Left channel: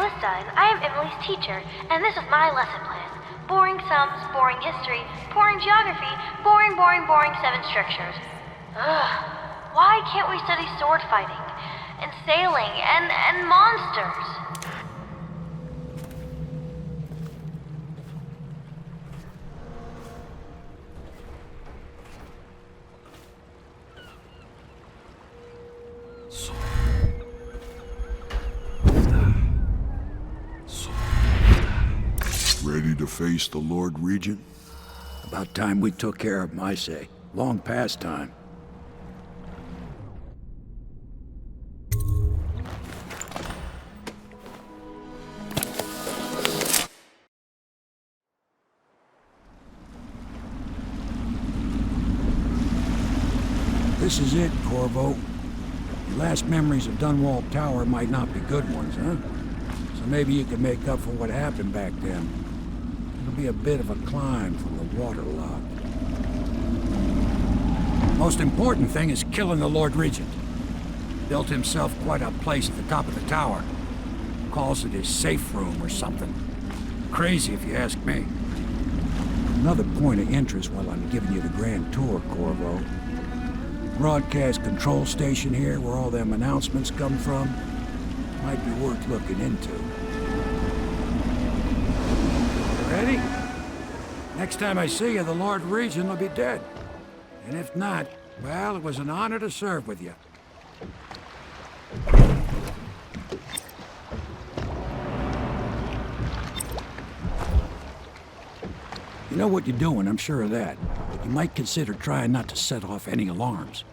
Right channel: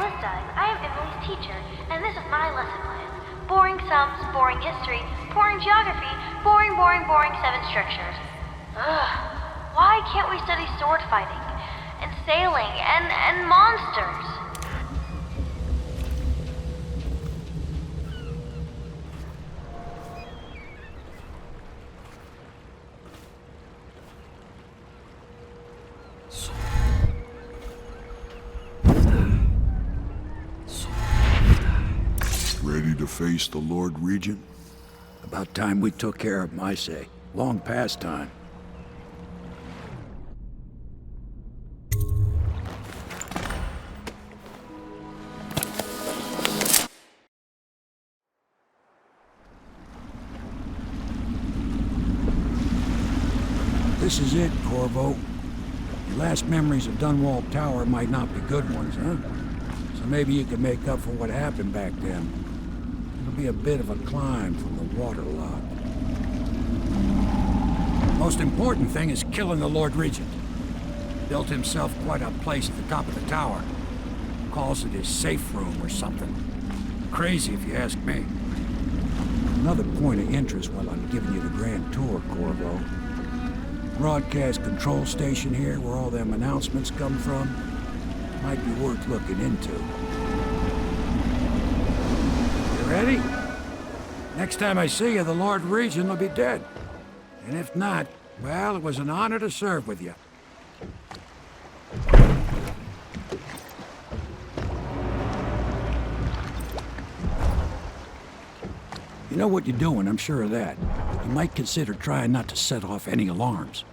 Callista, and I am Emily's teacher, and this is my lesson plan. Boring sums, boring history, boring geography, boring, boring, boring 7 structures. Ugh. Why can't we study sword fighting, and sailing, and monsters? Ready to face the Lord Regent? About time we took care of him, I say. Long past time. This is it, Corvo. Your last memories of Dunwall Tower might not be good ones, huh? So maybe you can make up for what happened back then. It'll be a bit of a climb from the waterlock. Most important thing is killing the Lord Regent. Built himself quite a place at the top of the tower. Calls it his safe room or something. Crazy if you ask me. Another point of interest while I'm giving you the grand tour, Corvo. Broadcast control station here where all them announcements come from. Might be worth looking into. You ready? Next time I see you, the Lord Regent will be dead. And if not, well, it was an honor to serve with you. You know what you're doing, I'm sure of that. But you might consider trying not to set off any alarms.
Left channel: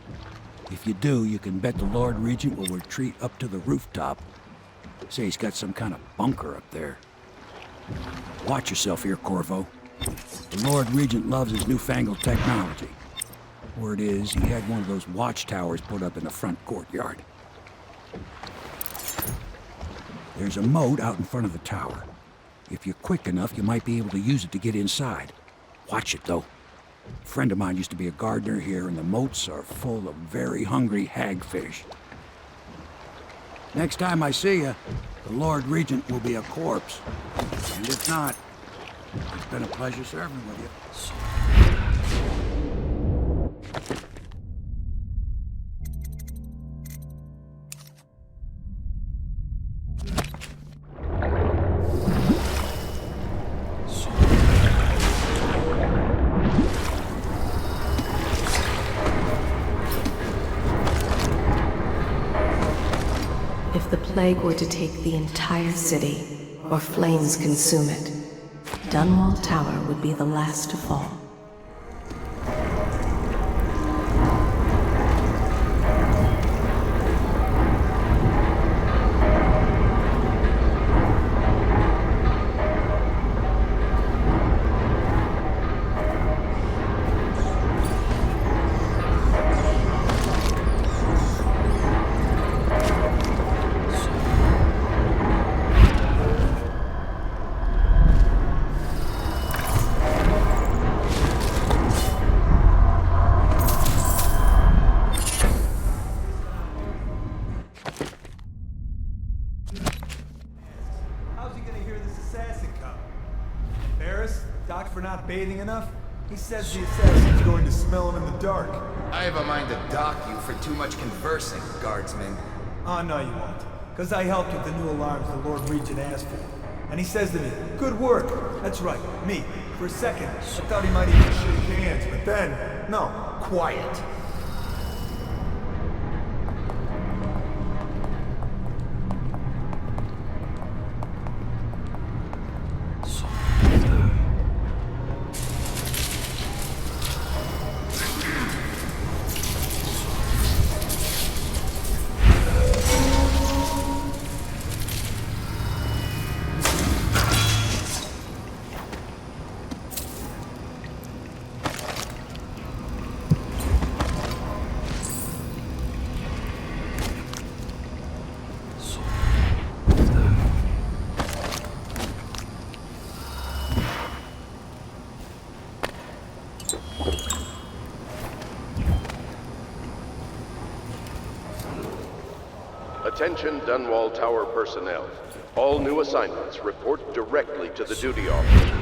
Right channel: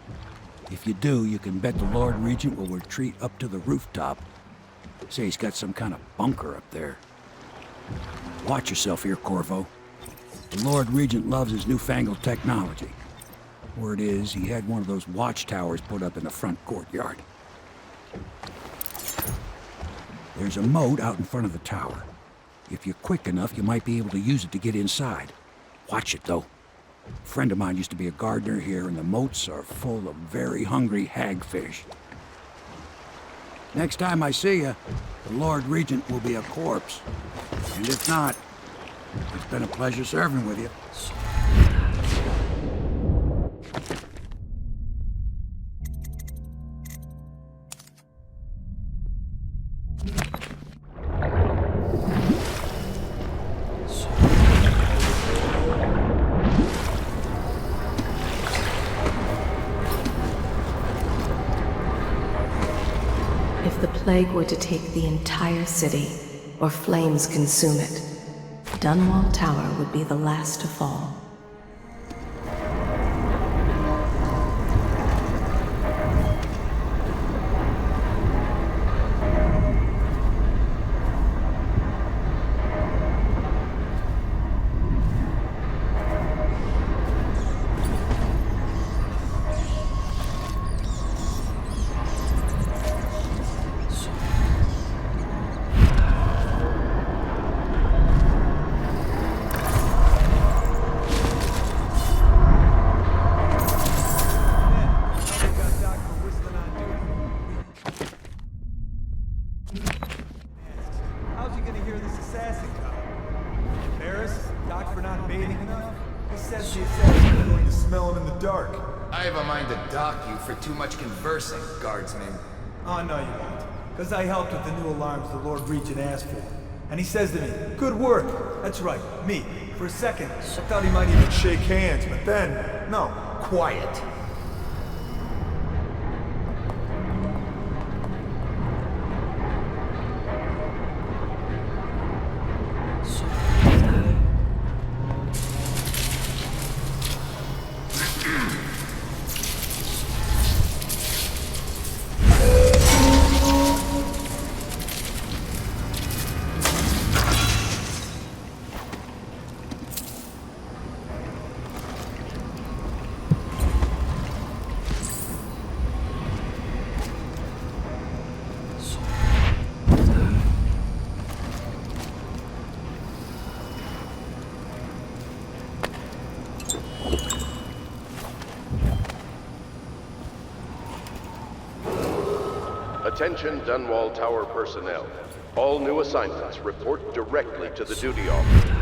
If you do, you can bet the Lord Regent will retreat up to the rooftop. Say he's got some kind of bunker up there. Watch yourself here, Corvo. The Lord Regent loves his newfangled technology. Word is, he had one of those watchtowers put up in the front courtyard. There's a moat out in front of the tower. If you're quick enough, you might be able to use it to get inside. Watch it, though. A friend of mine used to be a gardener here, and the moats are full of very hungry hagfish. Next time I see you, the Lord Regent will be a corpse. And if not, it's been a pleasure serving with you. If the plague were to take the entire city, or flames consume it, Dunwall Tower would be the last to fall. For not bathing enough? He says the assassin's going to smell him in the dark. I have a mind to dock you for too much conversing, guardsman. Oh, no you won't. Because I helped with the new alarms the Lord Regent asked for. And he says to me, good work. That's right, me. For a second, I thought he might even shake hands, but then, no. Quiet. Attention Dunwall Tower personnel. All new assignments report directly to the duty officer.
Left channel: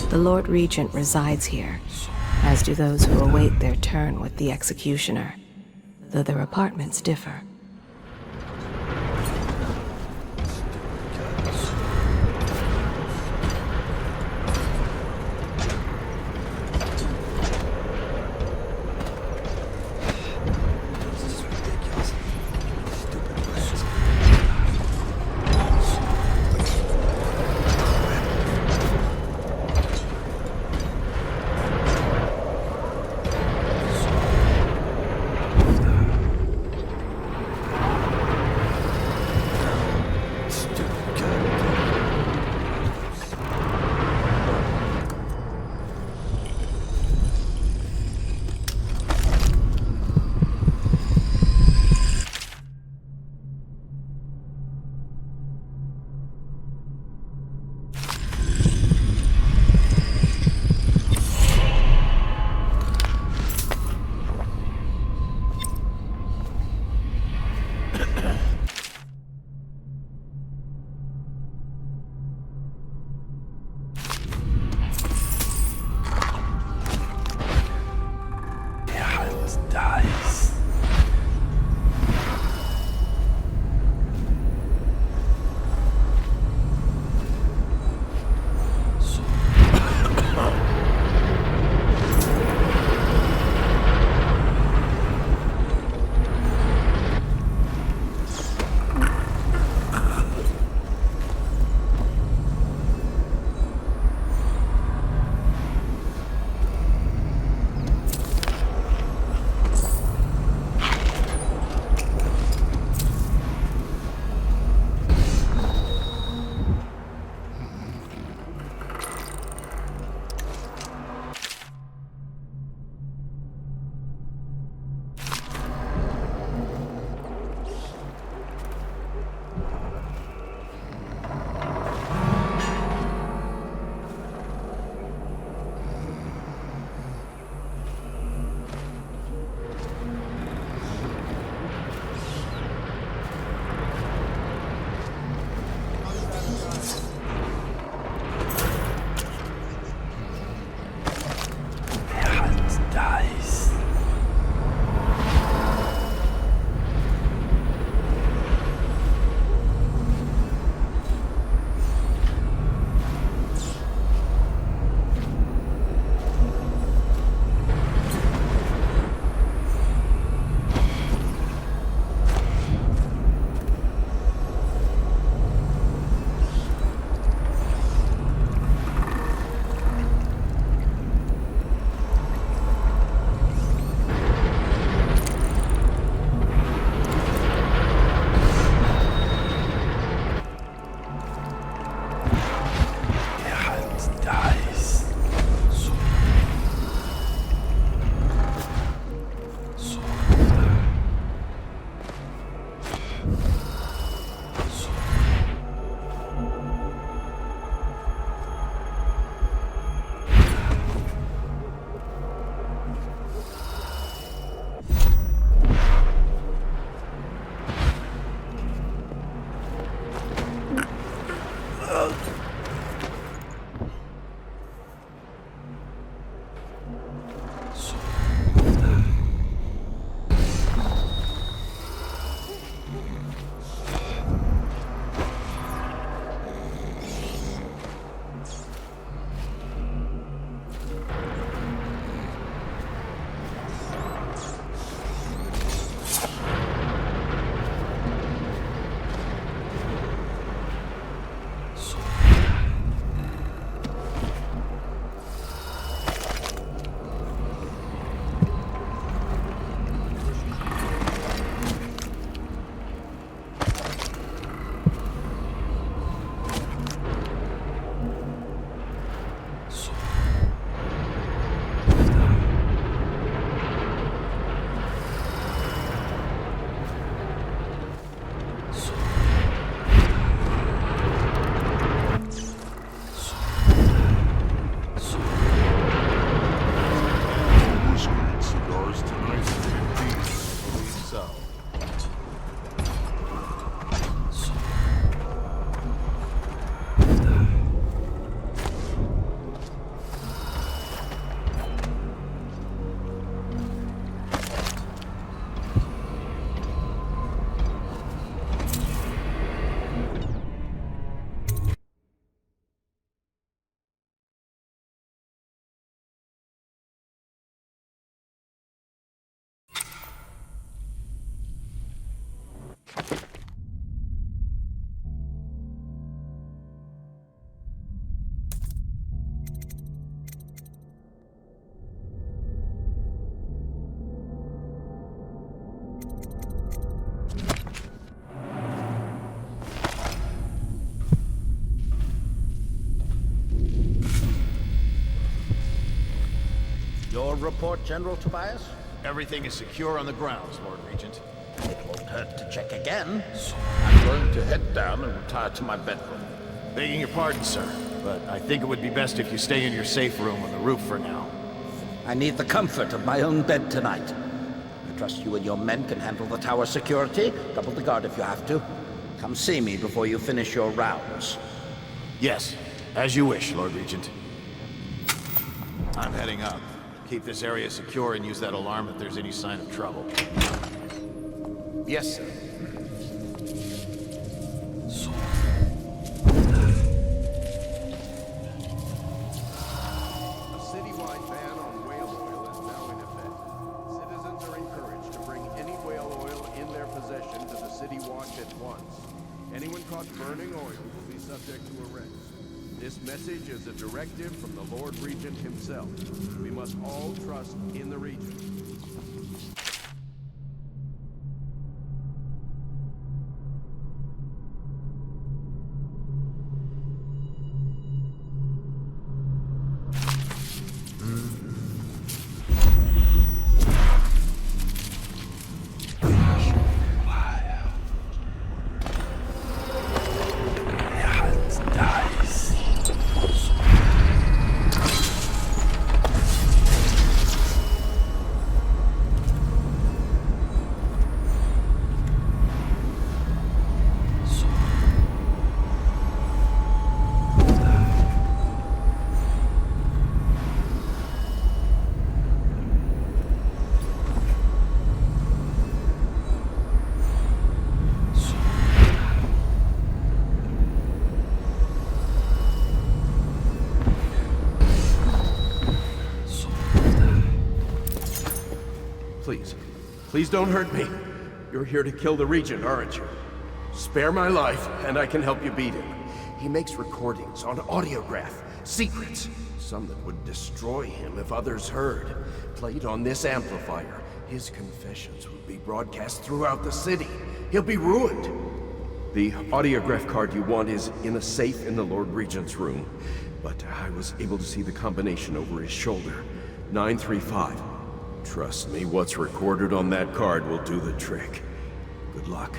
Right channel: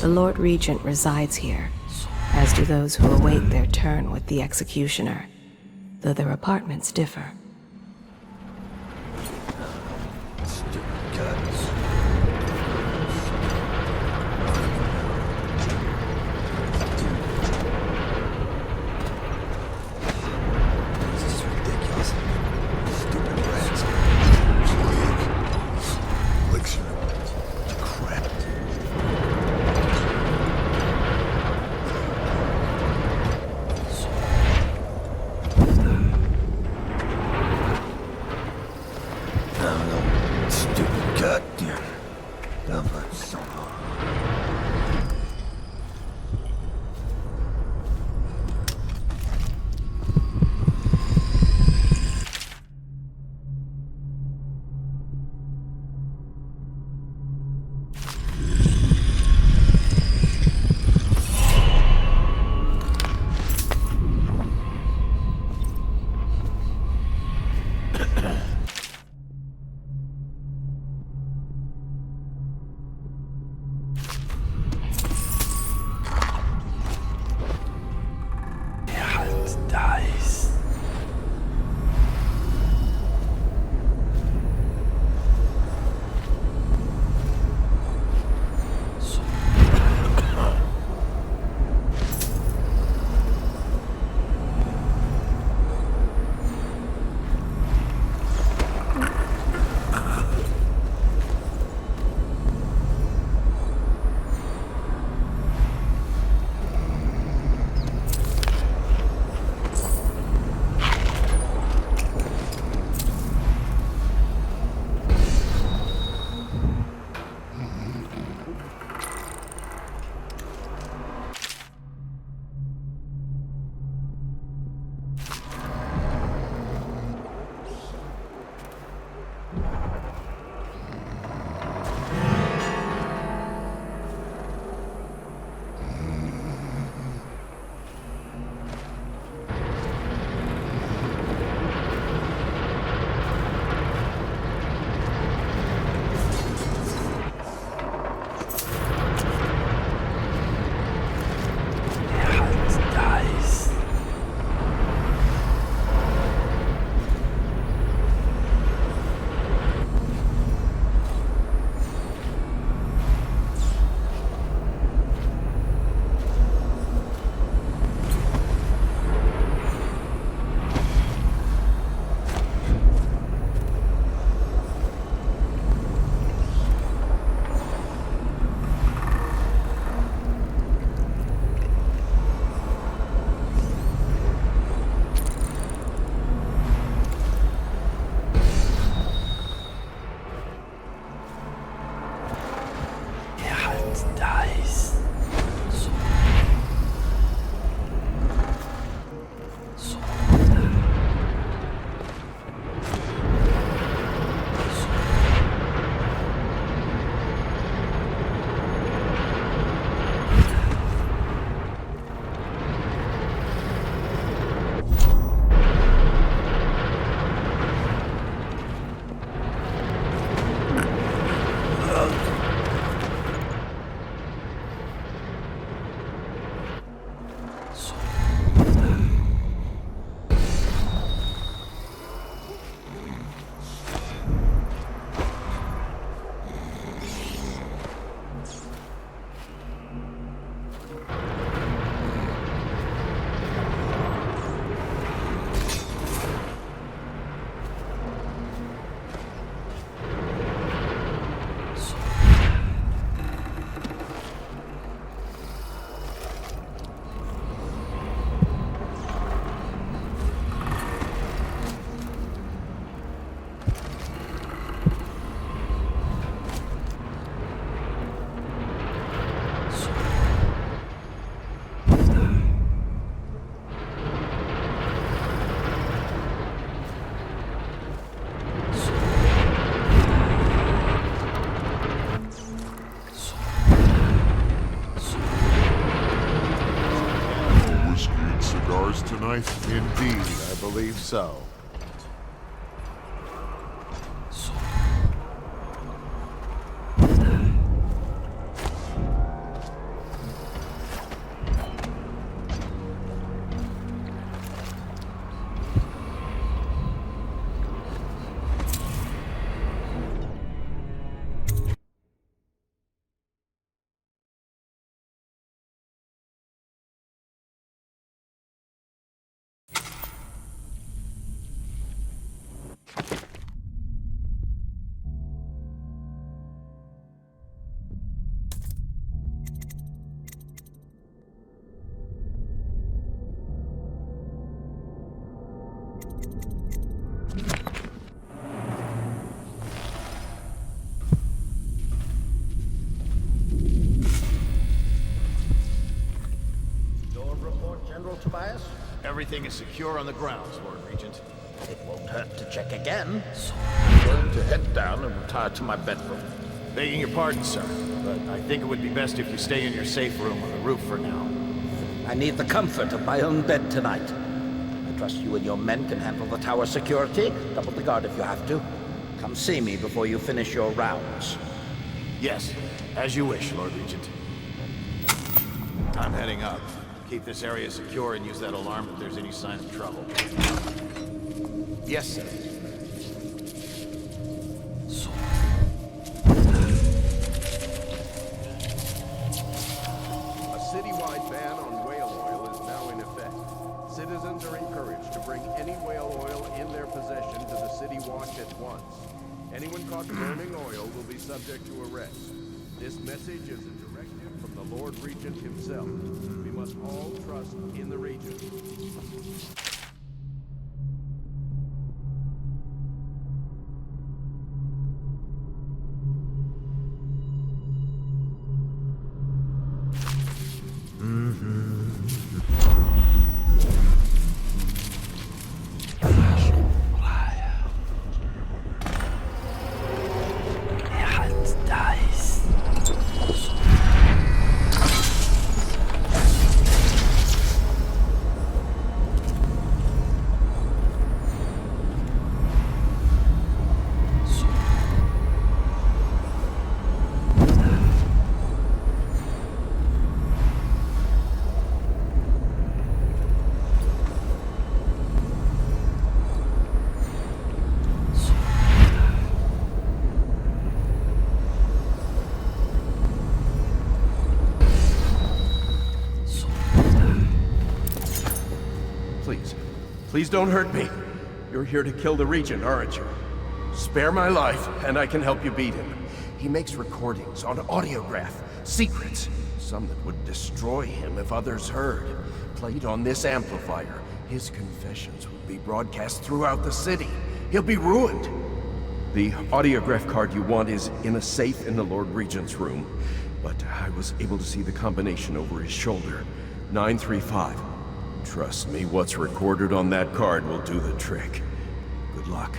The Lord Regent resides here, as do those who await their turn with the Executioner, though their apartments differ. This is ridiculous. Stupid rats. Crap. report, General Tobias? Everything is secure on the grounds, Lord Regent. It won't hurt to check again. I'm going to head down and retire to my bedroom. Begging your pardon, sir, but I think it would be best if you stay in your safe room on the roof for now. I need the comfort of my own bed tonight. I trust you and your men can handle the tower security. Double the guard if you have to. Come see me before you finish your rounds. Yes, as you wish, Lord Regent. I'm heading up. Keep this area secure and use that alarm if there's any sign of trouble. Yes, sir. A citywide ban on whale oil is now in effect. Citizens are encouraged to bring any whale oil in their possession to the City Watch at once. Anyone caught burning oil will be subject to arrest. This message is a directive from the Lord Regent himself. We must all trust in the Regent. Please don't hurt me. You're here to kill the Regent, aren't you? Spare my life, and I can help you beat him. He makes recordings on audiograph, secrets, some that would destroy him if others heard. Played on this amplifier, his confessions would be broadcast throughout the city. He'll be ruined. The audiograph card you want is in a safe in the Lord Regent's room, but I was able to see the combination over his shoulder. 935. Trust me, what's recorded on that card will do the trick. Good luck.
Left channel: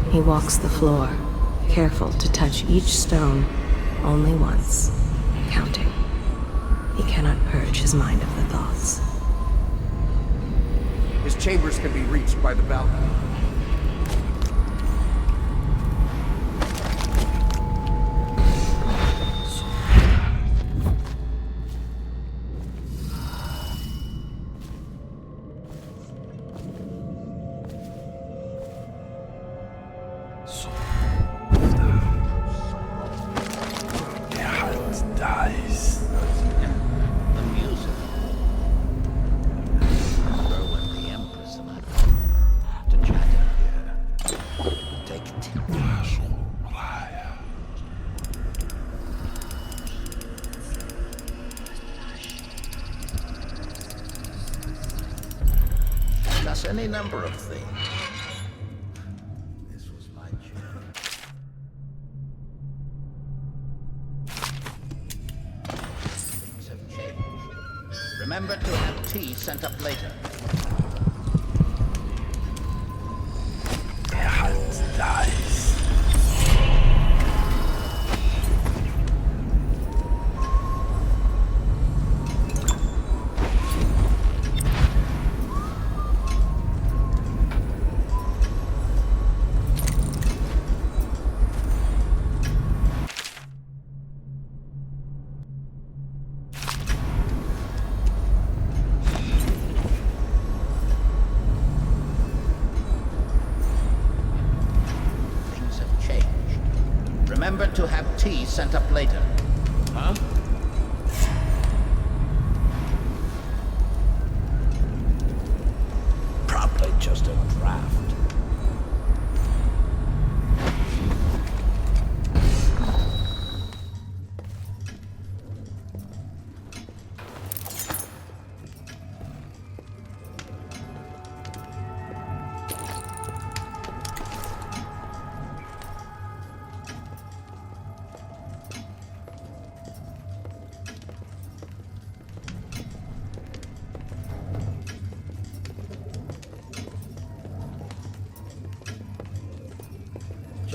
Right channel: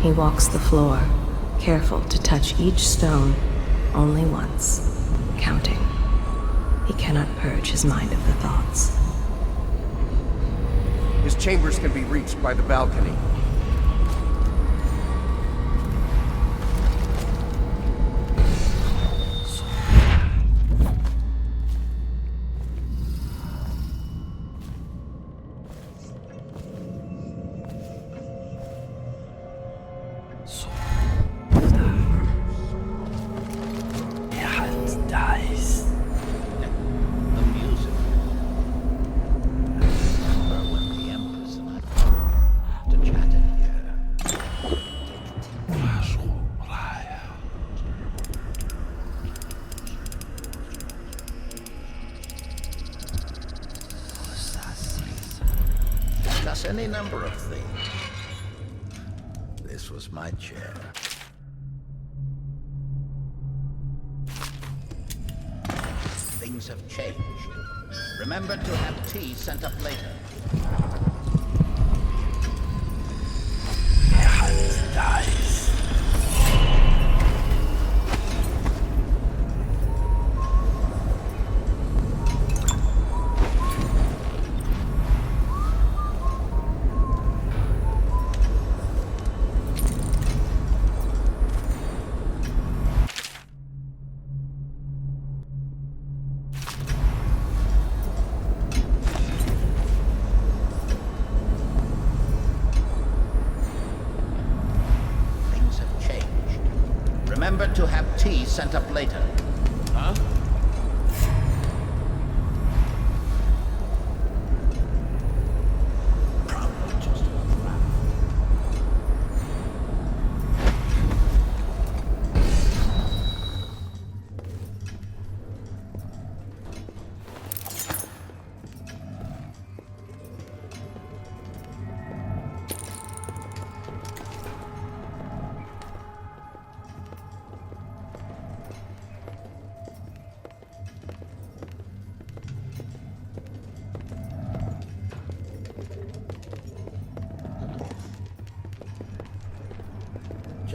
He walks the floor, careful to touch each stone only once, counting. He cannot purge his mind of thoughts. His chambers can be reached by the balcony. Any number of things. This was my chair. Things have changed. Remember to have tea sent up later. Remember to have tea sent up later. Huh? Probably just a draft.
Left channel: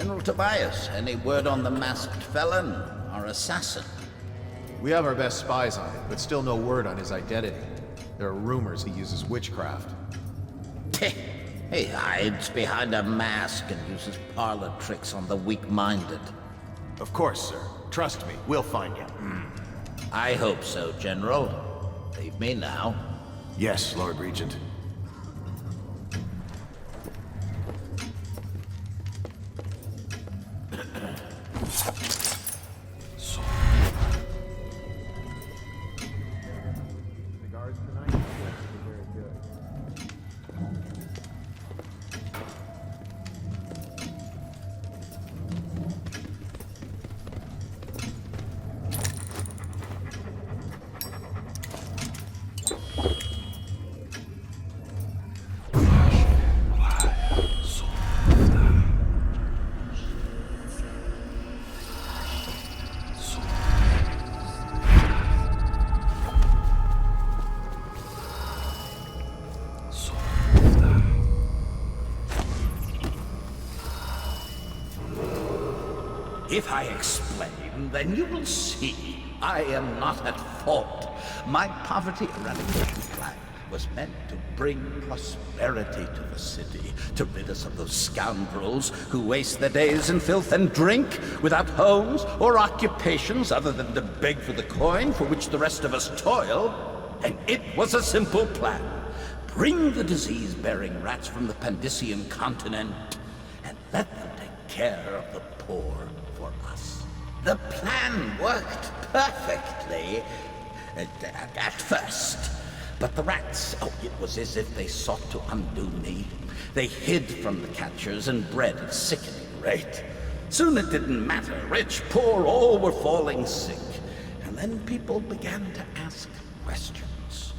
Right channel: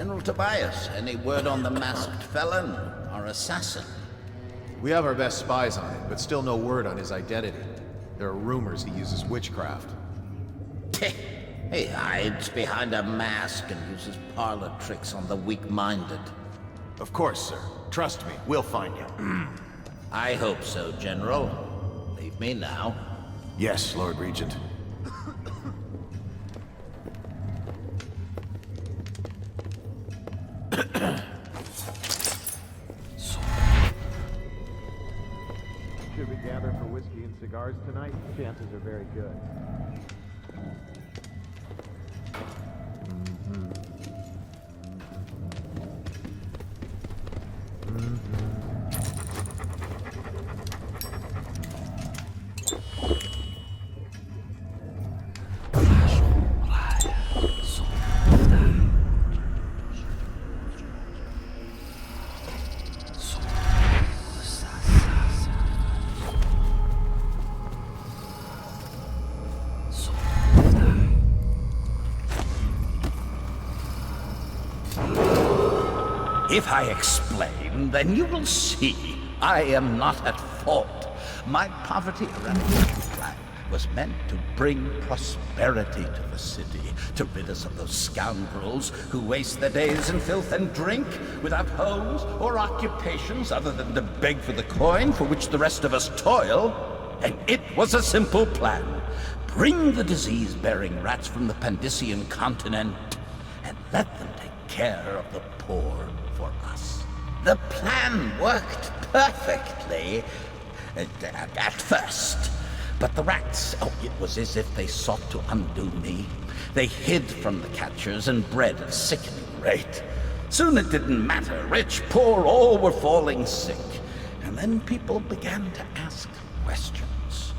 General Tobias, any word on the masked felon, our assassin? We have our best spies on it, but still no word on his identity. There are rumors he uses witchcraft. He hides behind a mask and uses parlor tricks on the weak-minded. Of course, sir. Trust me, we'll find him. I hope so, General. Leave me now. Yes, Lord Regent. Should we gather for whiskey and cigars tonight? Chances are very good. If I explain, then you will see I am not at fault. My poverty eradication plan was meant to bring prosperity to the city, to rid us of those scoundrels who waste their days in filth and drink, without homes or occupations other than to beg for the coin for which the rest of us toil. And it was a simple plan. Bring the disease-bearing rats from the Pandician continent and let them take care of the poor for us. The plan worked perfectly at first. But the rats, it was as if they sought to undo me. They hid from the catchers and bred at a sickening rate. Soon it didn't matter. Rich, poor, all were falling sick. And then people began to ask questions.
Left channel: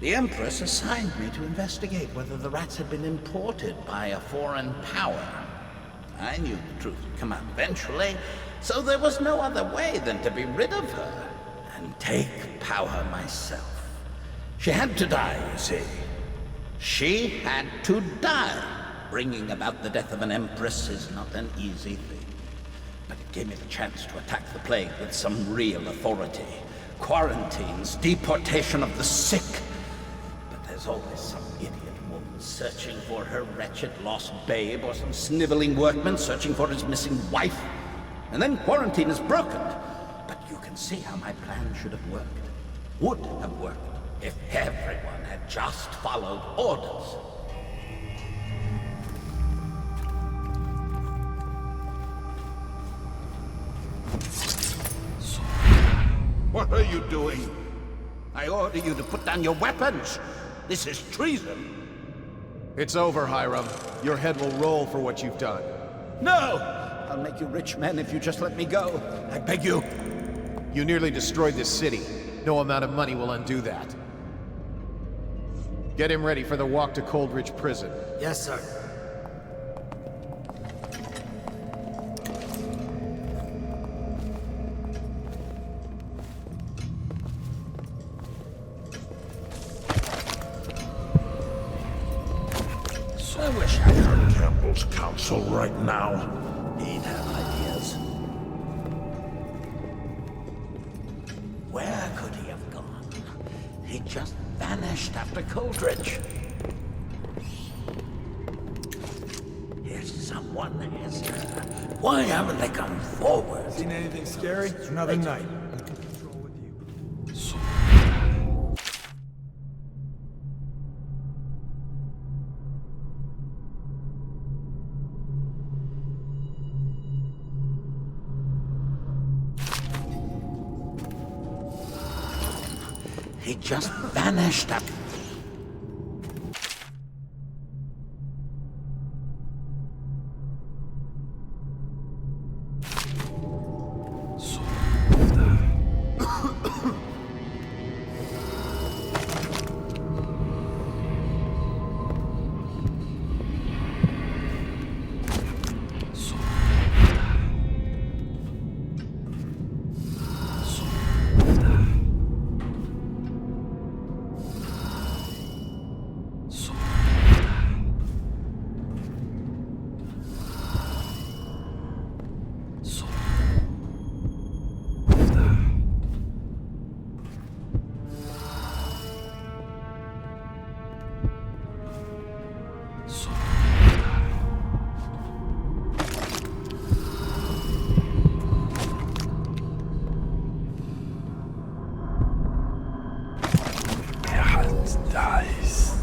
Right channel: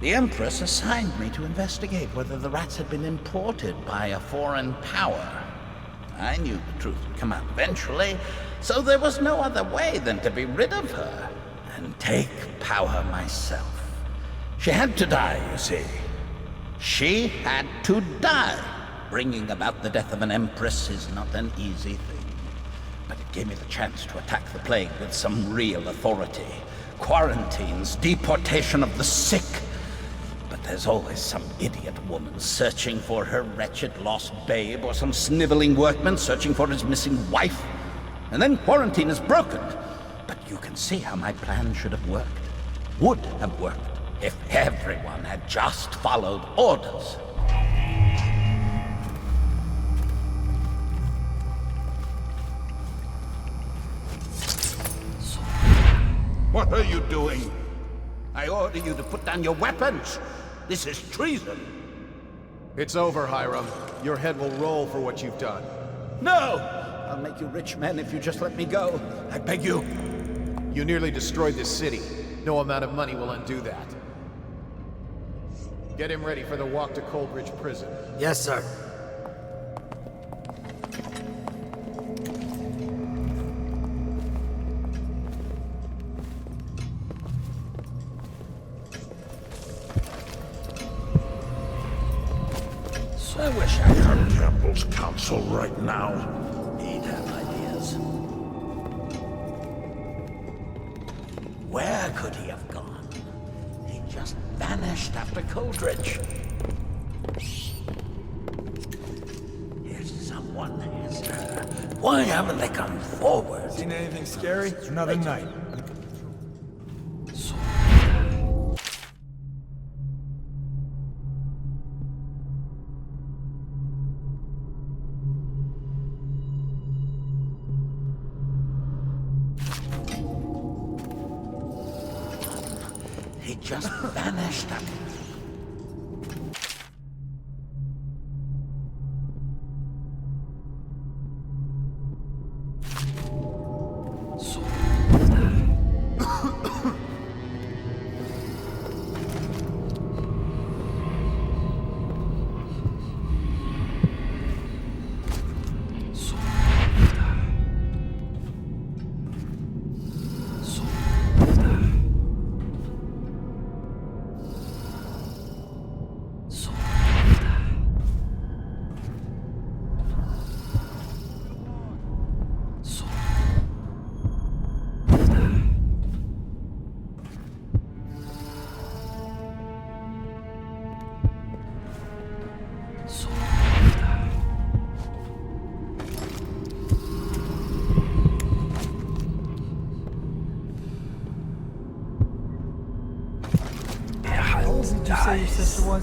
The Empress assigned me to investigate whether the rats had been imported by a foreign power. I knew the truth would come out eventually, so there was no other way than to be rid of her and take power myself. She had to die, you see. She had to die. Bringing about the death of an empress is not an easy thing. But it gave me the chance to attack the plague with some real authority. Quarantines, deportation of the sick. But there's always some idiot woman searching for her wretched lost babe, or some sniveling workman searching for his missing wife. And then quarantine is broken. But you can see how my plan should have worked. Would have worked. If everyone had just followed orders. What are you doing? I order you to put down your weapons. This is treason. It's over, Hiram. Your head will roll for what you've done. No! I'll make you rich men if you just let me go. I beg you. You nearly destroyed this city. No amount of money will undo that. Get him ready for the walk to Coldridge Prison. Yes, sir. I wish I had Campbell's counsel right now. He'd have ideas. Where could he have gone? He just vanished after Coldridge. If someone has her, why haven't they come forward? Seen anything scary? It's another night. He just vanished after... your sister was?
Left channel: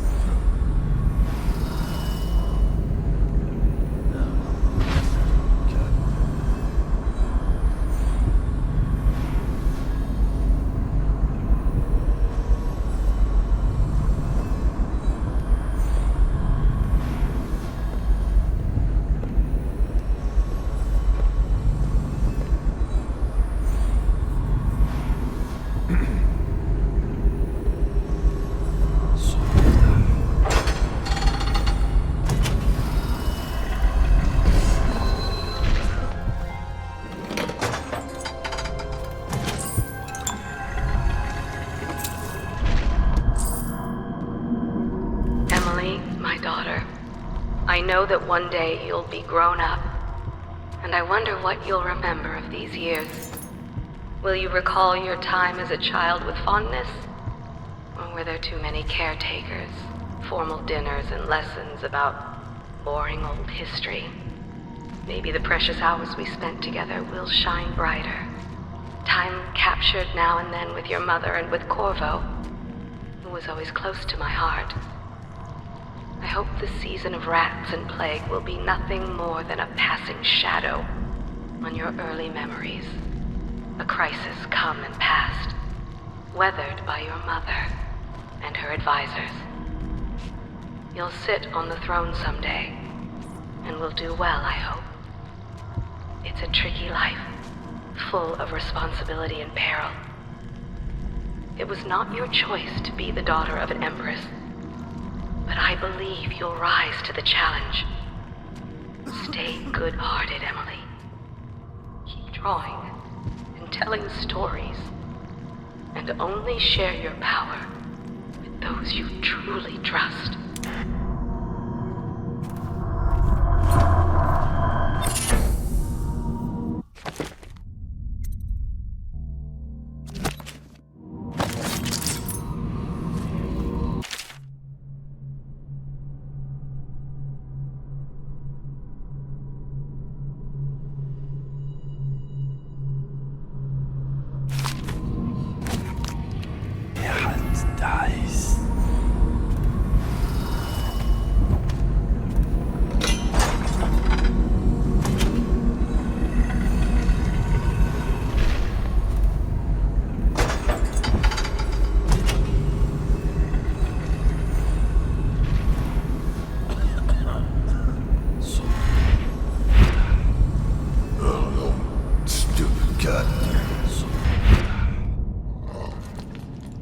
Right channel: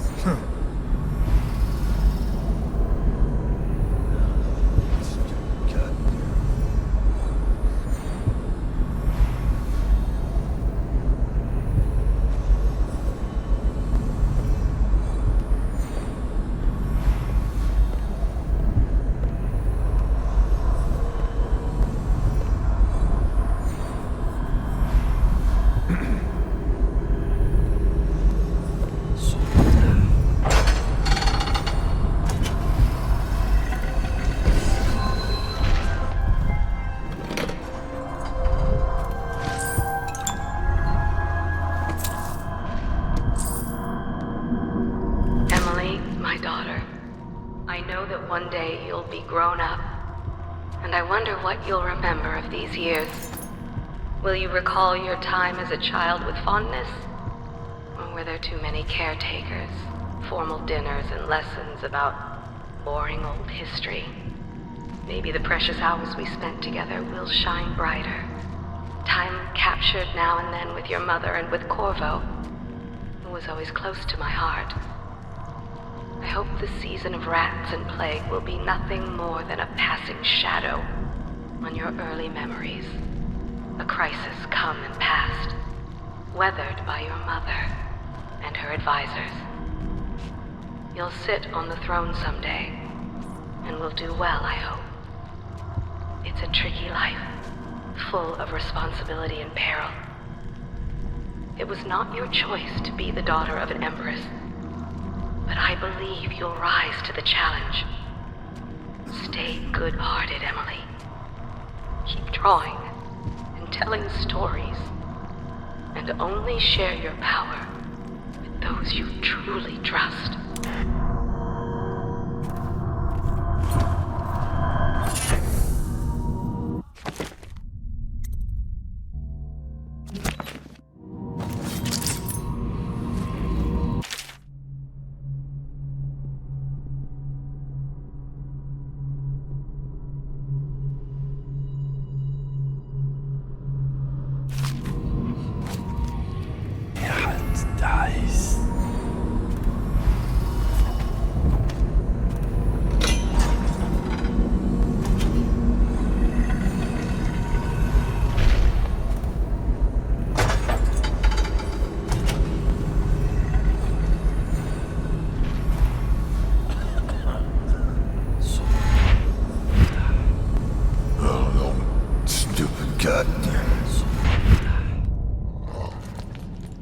Emily, my daughter, I know that one day you'll be grown up, and I wonder what you'll remember of these years. Will you recall your time as a child with fondness? Or were there too many caretakers, formal dinners, and lessons about boring old history? Maybe the precious hours we spent together will shine brighter. Time captured now and then with your mother and with Corvo, who was always close to my heart. I hope the season of rats and plague will be nothing more than a passing shadow on your early memories. A crisis come and passed, weathered by your mother and her advisors. You'll sit on the throne someday, and will do well, I hope. It's a tricky life, full of responsibility and peril. It was not your choice to be the daughter of an empress, but I believe you'll rise to the challenge. Stay good-hearted, Emily. Keep drawing and telling stories, and only share your power with those you truly trust.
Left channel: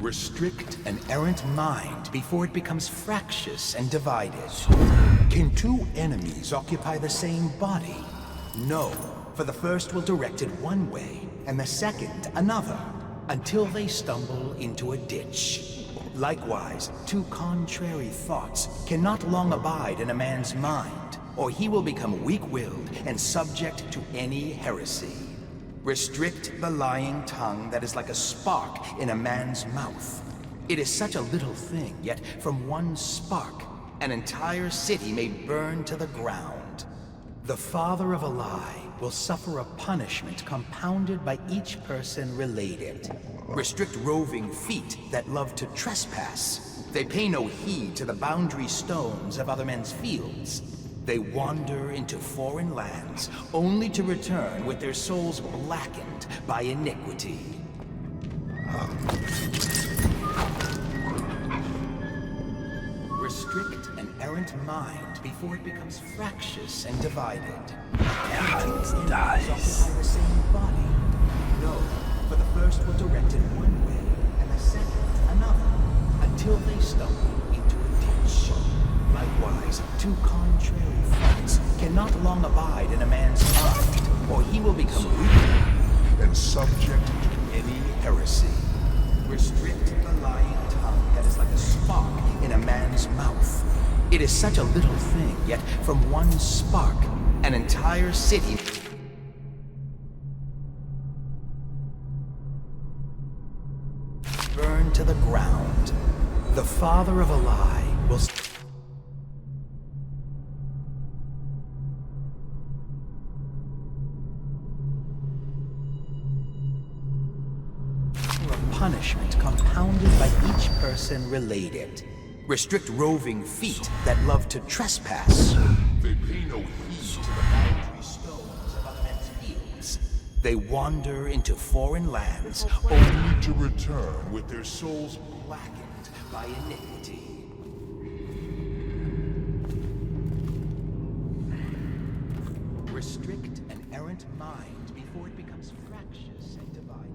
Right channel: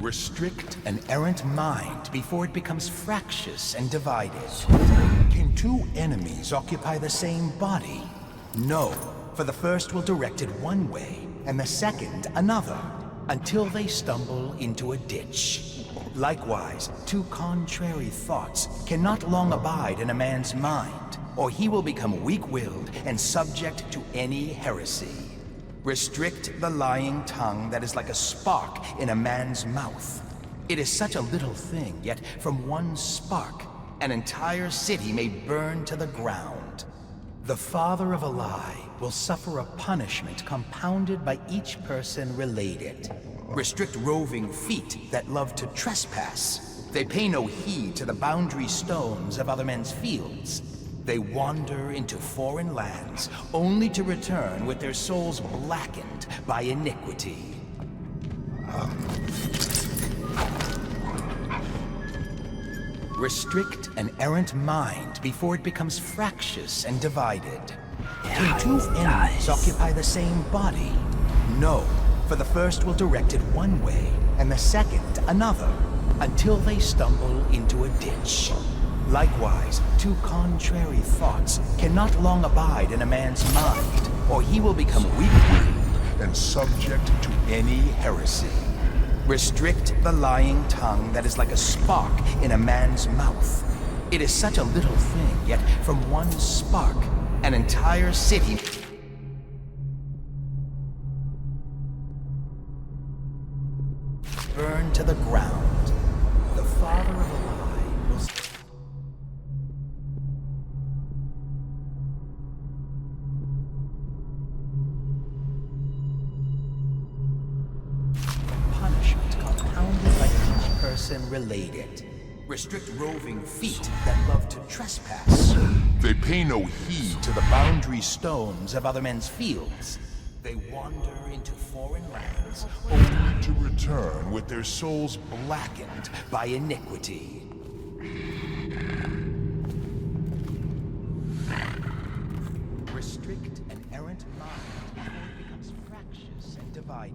Restrict an errant mind before it becomes fractious and divided. Can two enemies occupy the same body? No, for the first will direct it one way, and the second another, until they stumble into a ditch. Likewise, two contrary thoughts cannot long abide in a man's mind, or he will become weak-willed and subject to any heresy. Restrict the lying tongue that is like a spark in a man's mouth. It is such a little thing, yet from one spark, an entire city may burn to the ground. The father of a lie will suffer a punishment compounded by each person related. Restrict roving feet that love to trespass. They pay no heed to the boundary stones of other men's fields. They wander into foreign lands, only to return with their souls blackened by iniquity. Restrict an errant mind before it becomes fractious and divided. Can two enemies occupy the same body? No, for the first will direct it one way, and the second another, until they stumble into a ditch. Likewise, two contrary thoughts cannot long abide in a man's mind, or he will become weak-willed and subject to any heresy. Restrict the lying tongue that is like a spark in a man's mouth. It is such a little thing, yet from one spark, an entire city burn to the ground. The father of a lie will punishment compounded by each person related. Restrict roving feet that love to trespass. They pay no heed To the boundary stones of other men's fields. They wander into foreign lands, only to return with their souls blackened by iniquity. Restrict an errant mind before it becomes fractious and divided.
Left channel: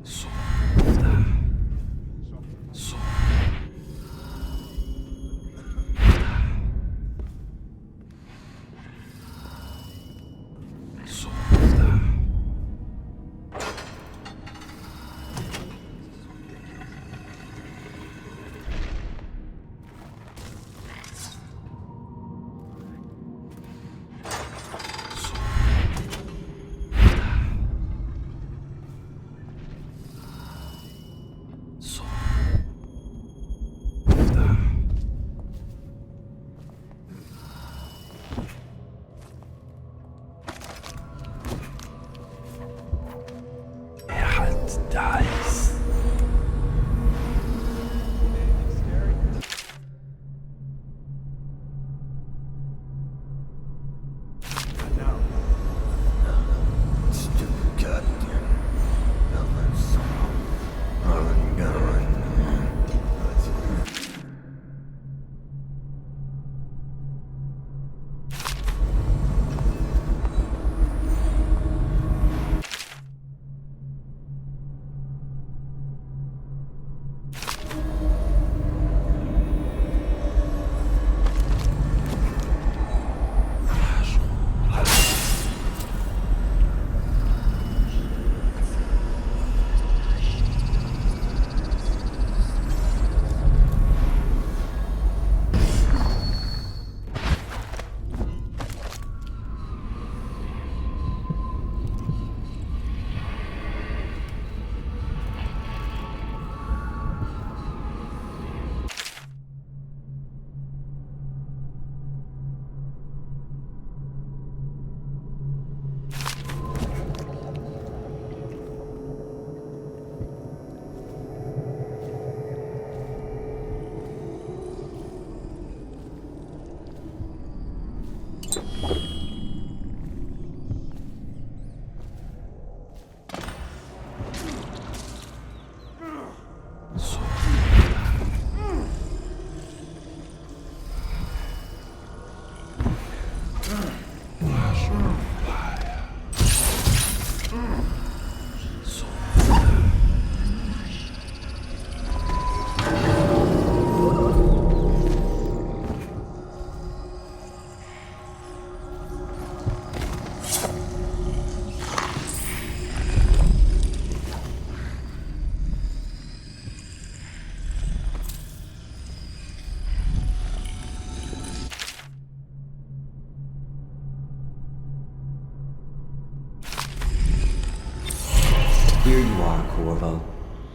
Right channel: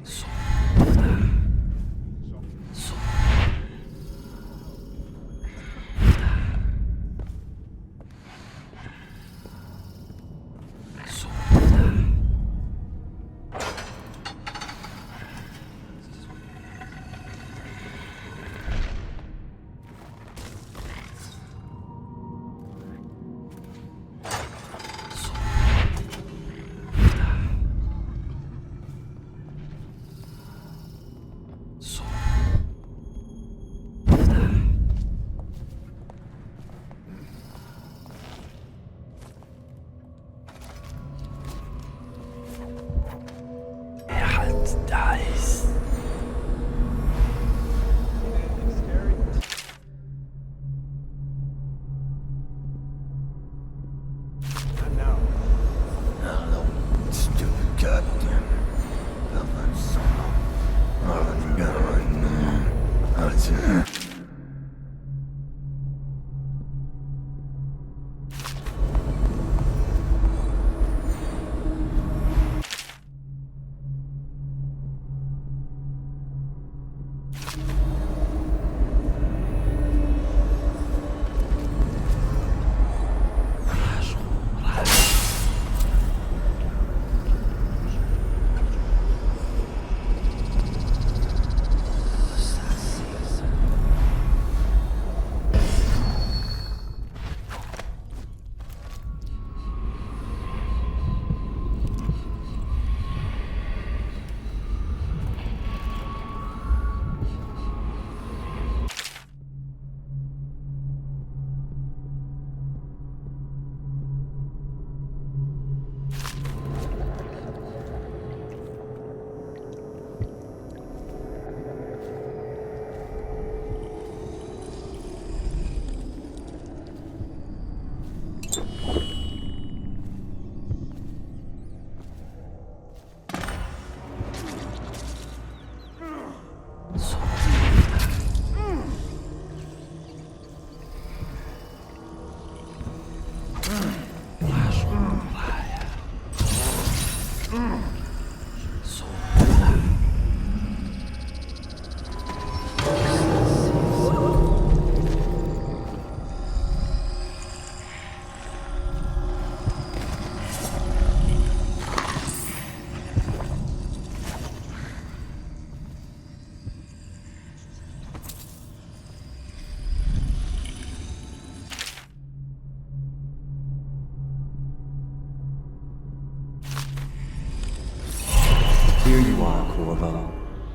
Here you are, Corvo,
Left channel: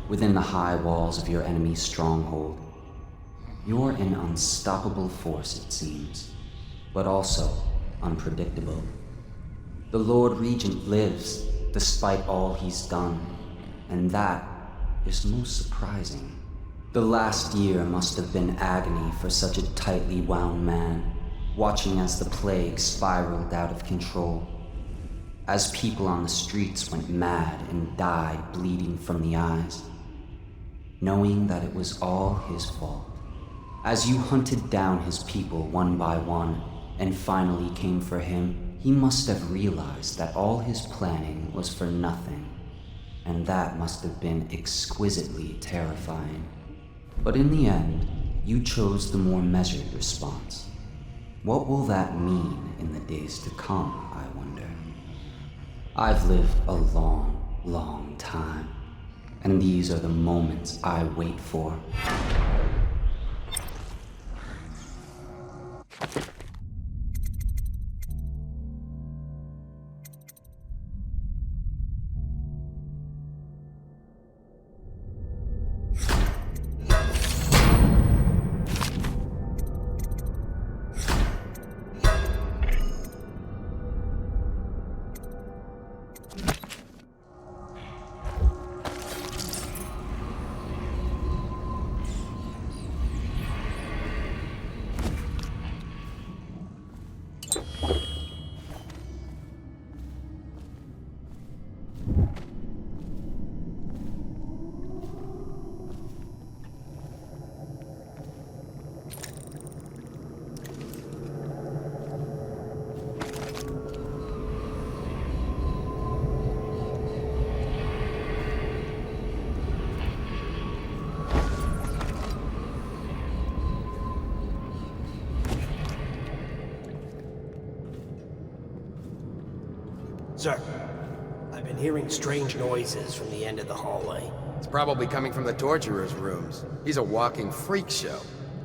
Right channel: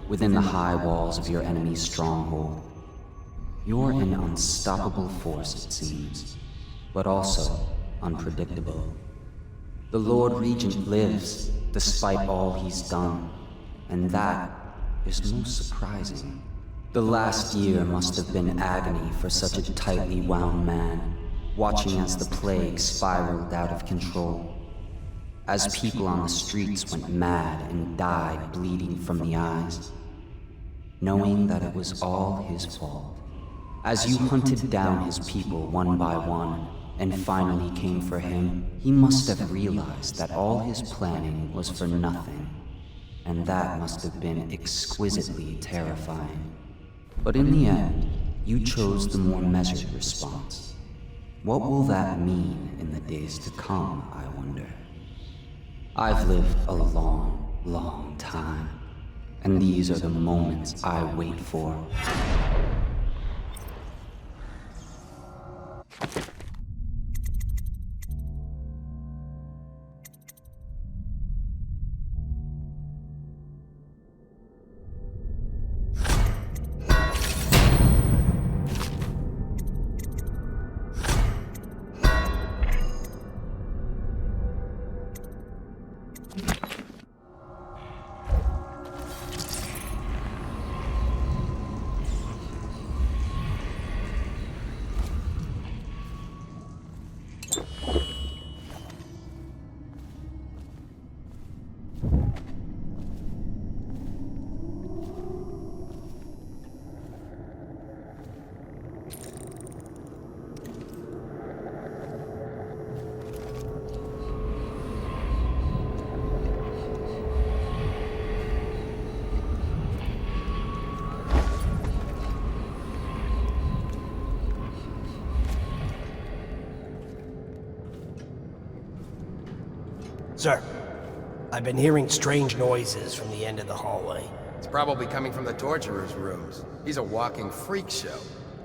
within the high walls of your enemy's stronghold. You're an unstoppable force, it seems, but also unpredictable. The Lord Regent lives, despite all he's done, and that is most surprising. The last year must have been agony for such a tightly wound man, watching as the plague spiraled out of control. As people on the streets went mad and died bleeding from the eyes, knowing that it was all his fault. As you hunted down his people one by one and finally came for him, he must have realized that all his planning was for nothing, and that must have been exquisitely terrifying. But in the end, you chose the more measured response. What will that mean in the days to come, I wonder? I've lived a long, long time, and these are the moments I wait for. Sir, I've been hearing strange noises from the end of the hallway. It's probably coming from the torturer's rooms. He's a walking freak show.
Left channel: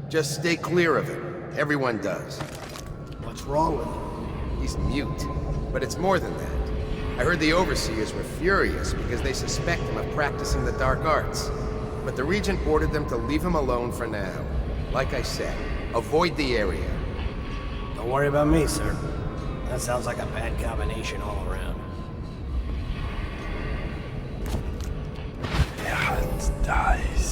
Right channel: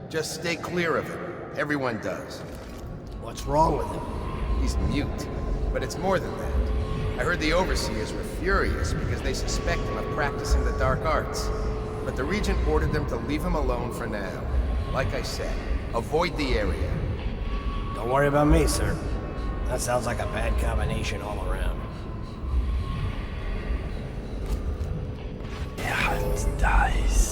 Just stay clear of him. Everyone does. What's wrong with him? He's mute. But it's more than that. I heard the overseers were furious because they suspect him of practicing the dark arts. But the Regent ordered them to leave him alone for now. Like I said, avoid the area. Don't worry about me, sir. That sounds like a bad combination all around. Der Hans dies.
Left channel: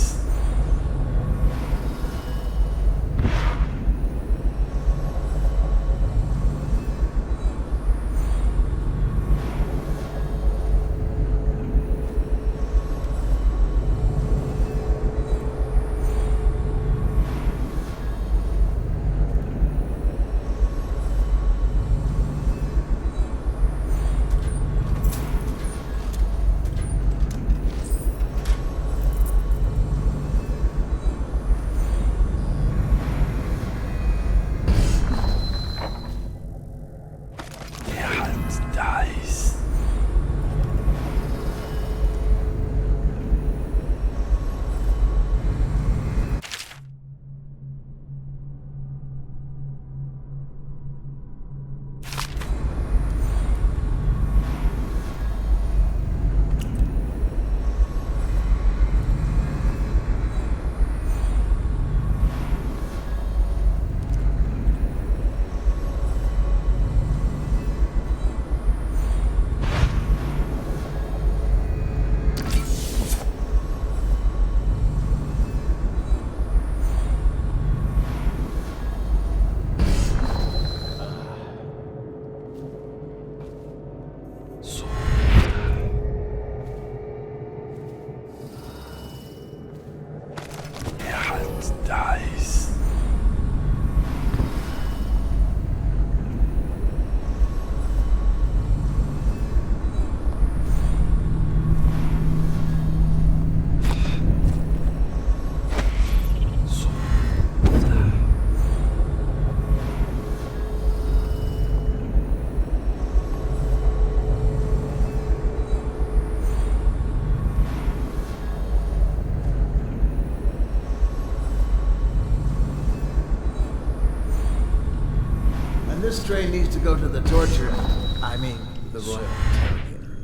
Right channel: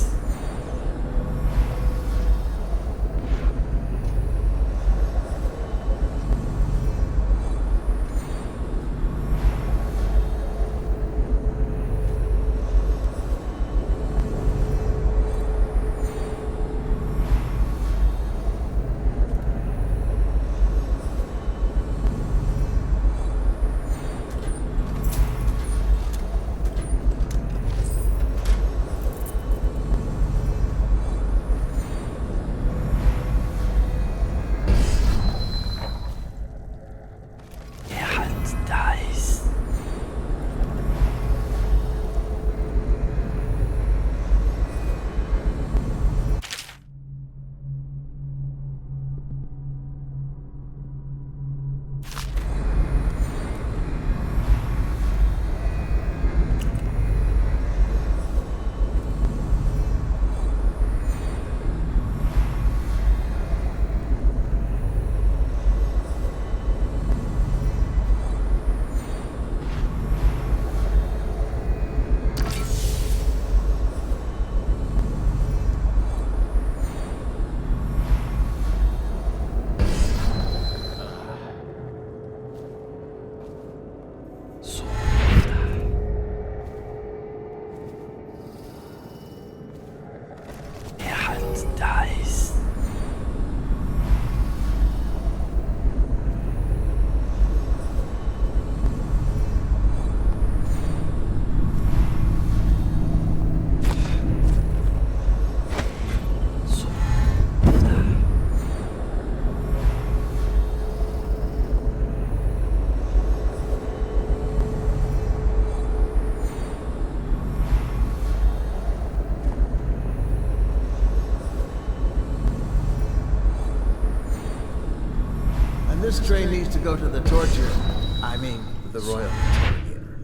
This train needs to go to the torture. I mean, the Royal Interrogator.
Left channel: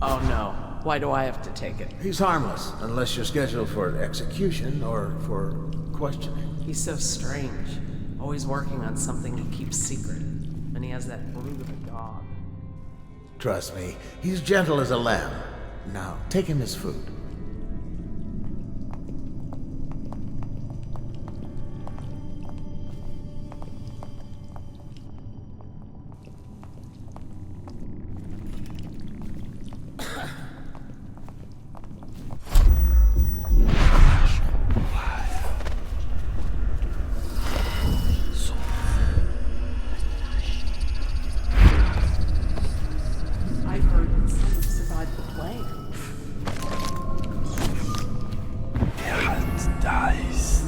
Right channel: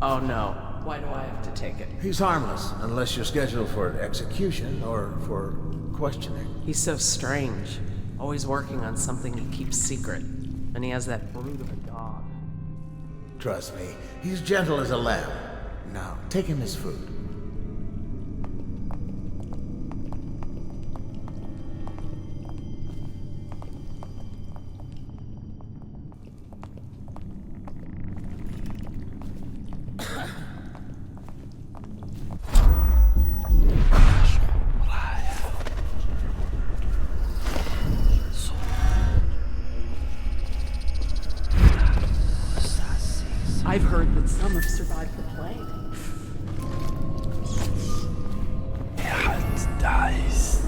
Oh no. Why do I have to take it? He's harmless, unless you're scheduled for execution or for questioning. He's so strange. Always working on something he keeps secret. And he has that brute of a dog. Trust me, he's gentle as a lamb. Now, take him his food. I've heard that some have survived the plague. Hans dies.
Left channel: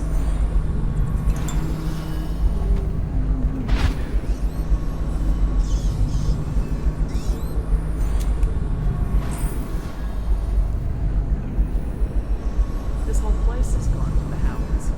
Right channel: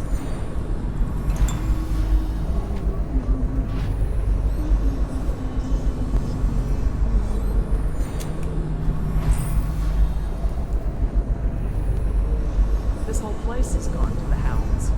This whole place has gone to the hounds.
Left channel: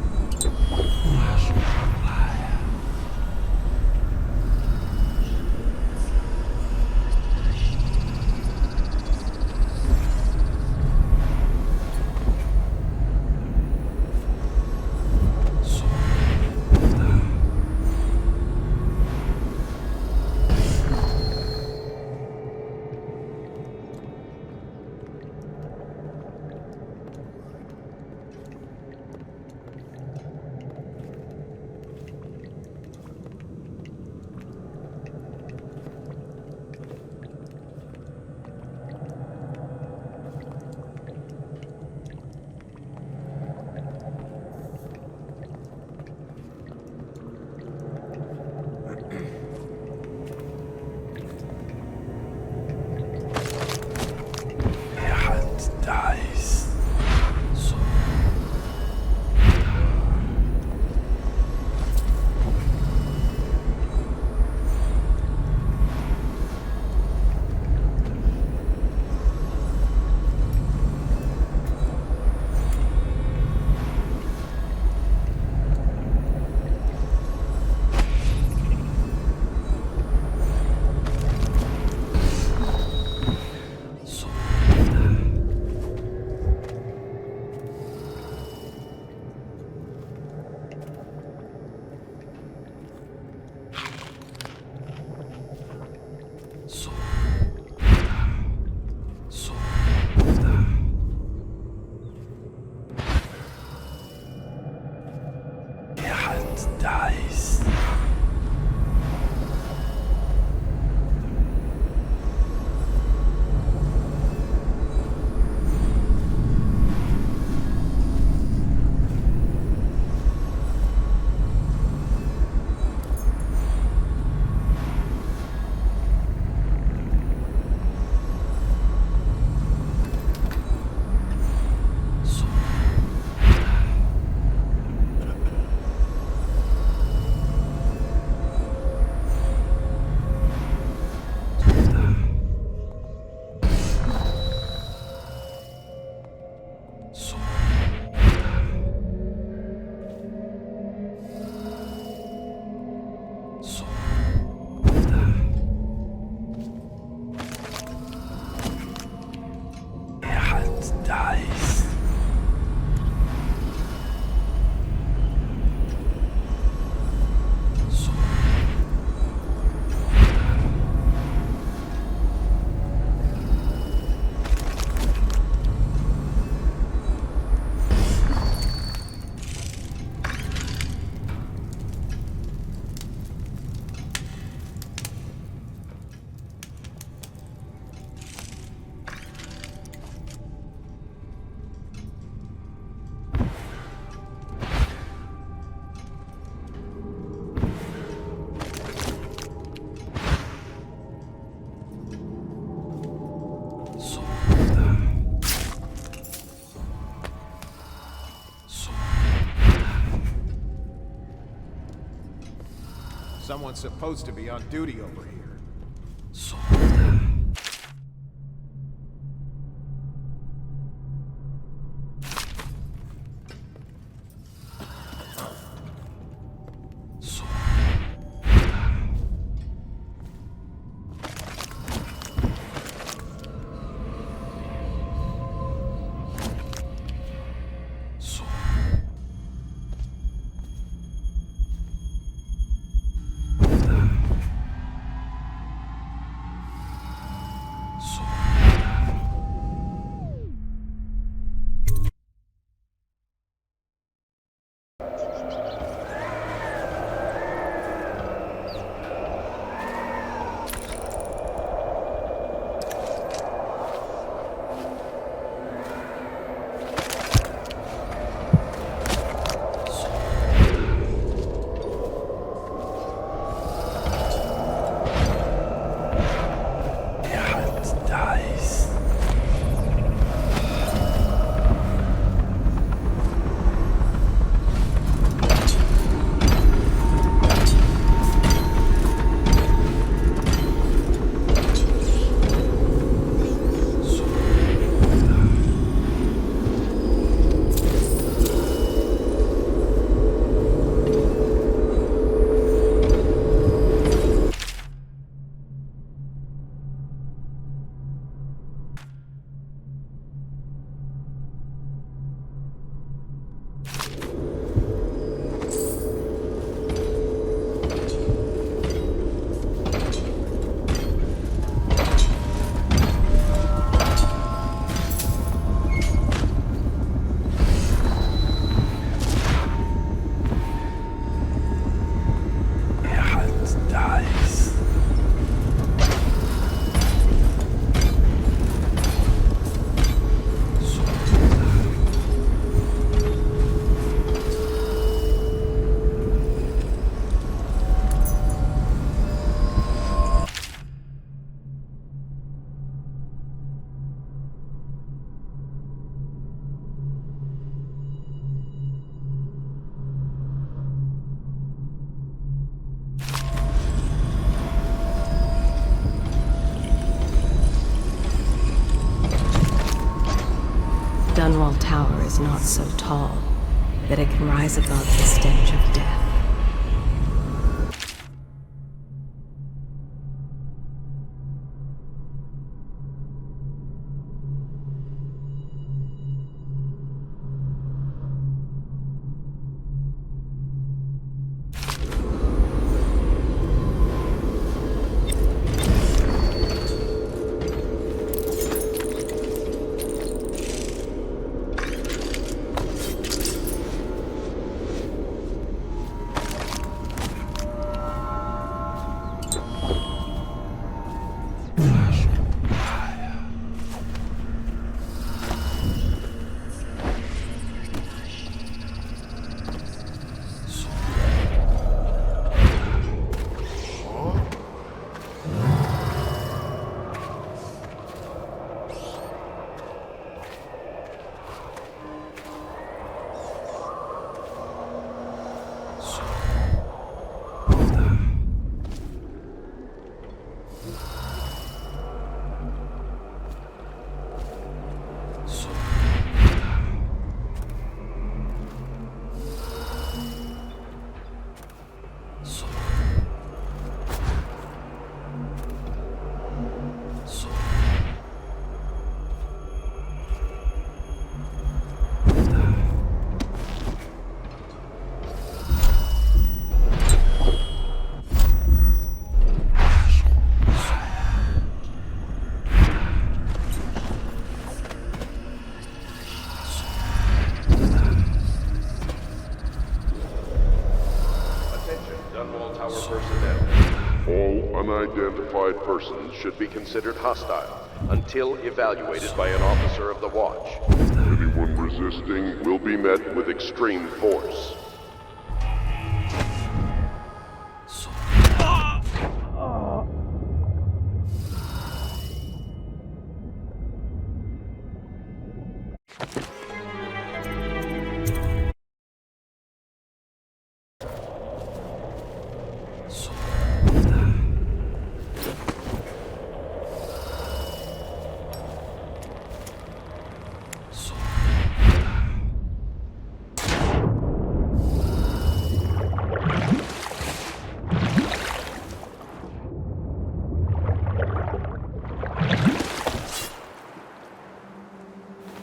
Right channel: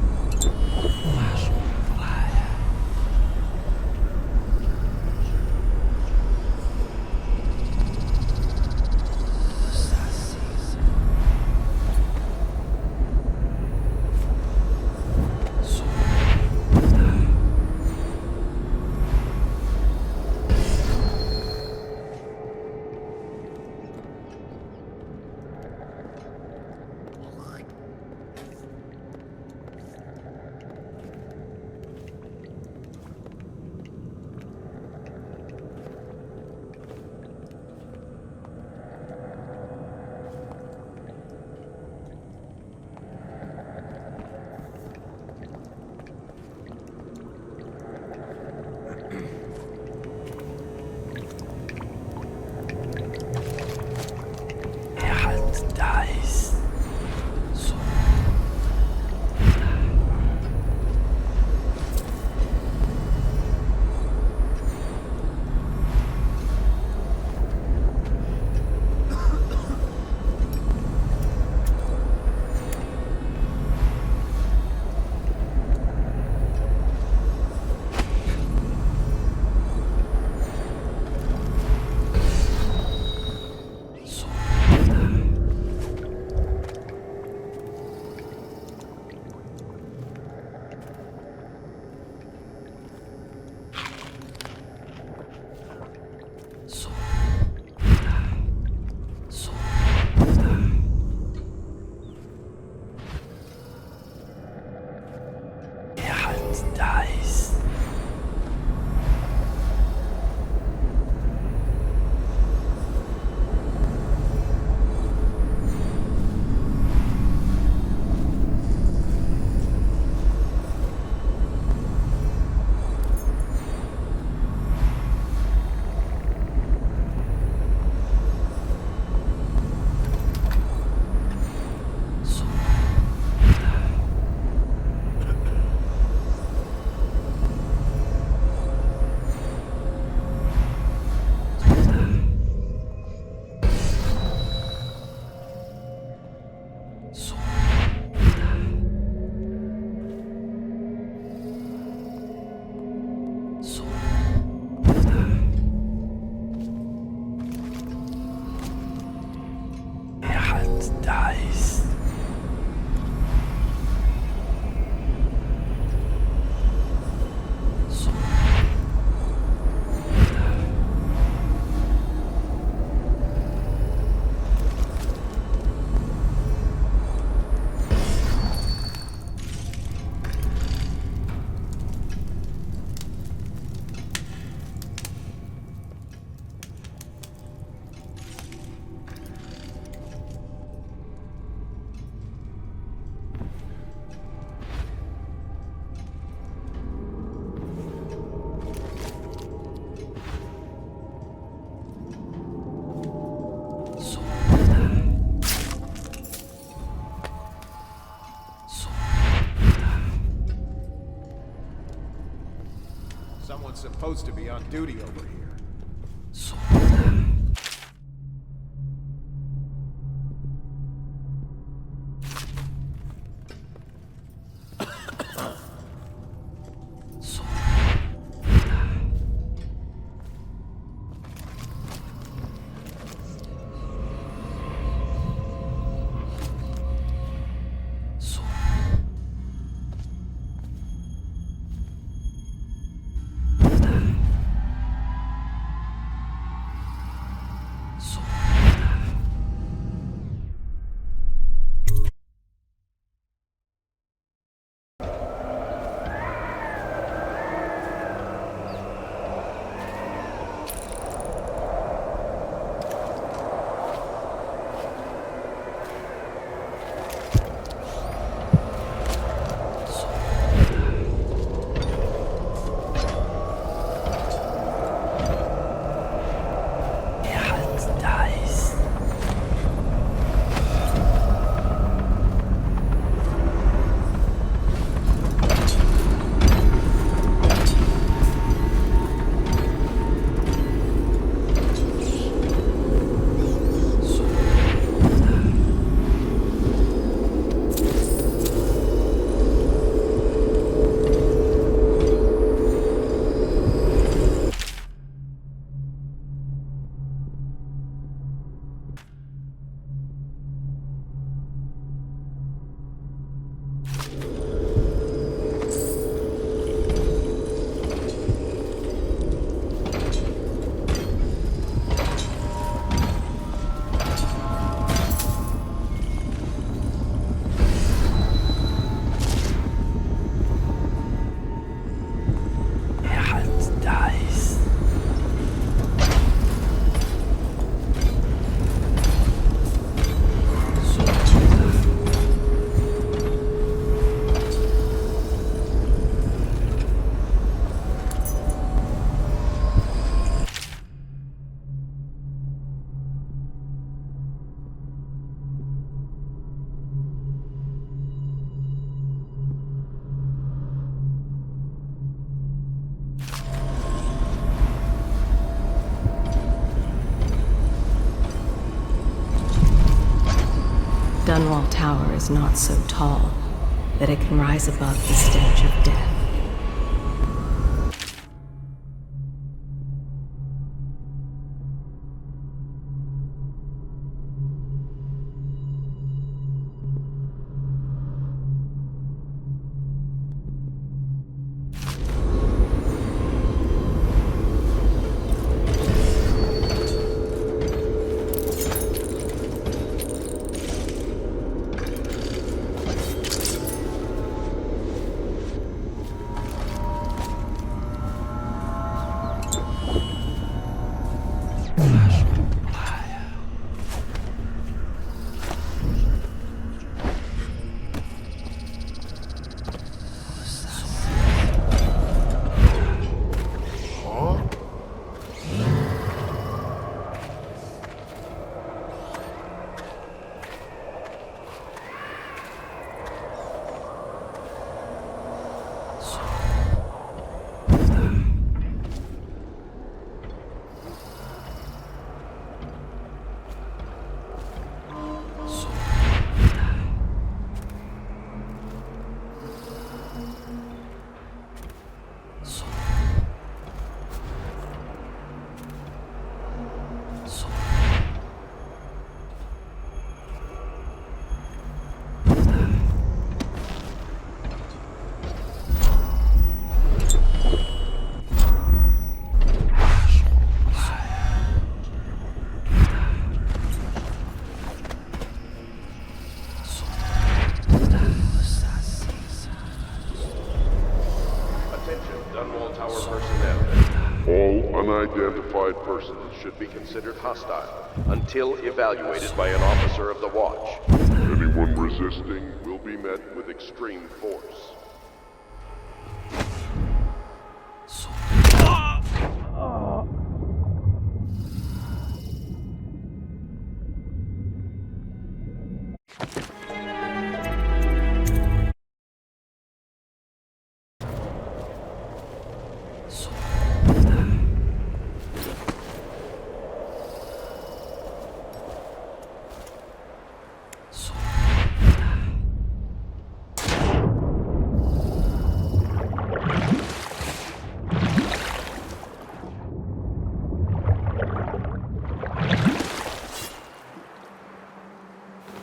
Someone's supposed to be on duty over here. so tall that it can rise above the stench of death. unidentified persons should be considered hostile until evaluated by an officer of the Watch. Anyone resisting will be met with extreme force.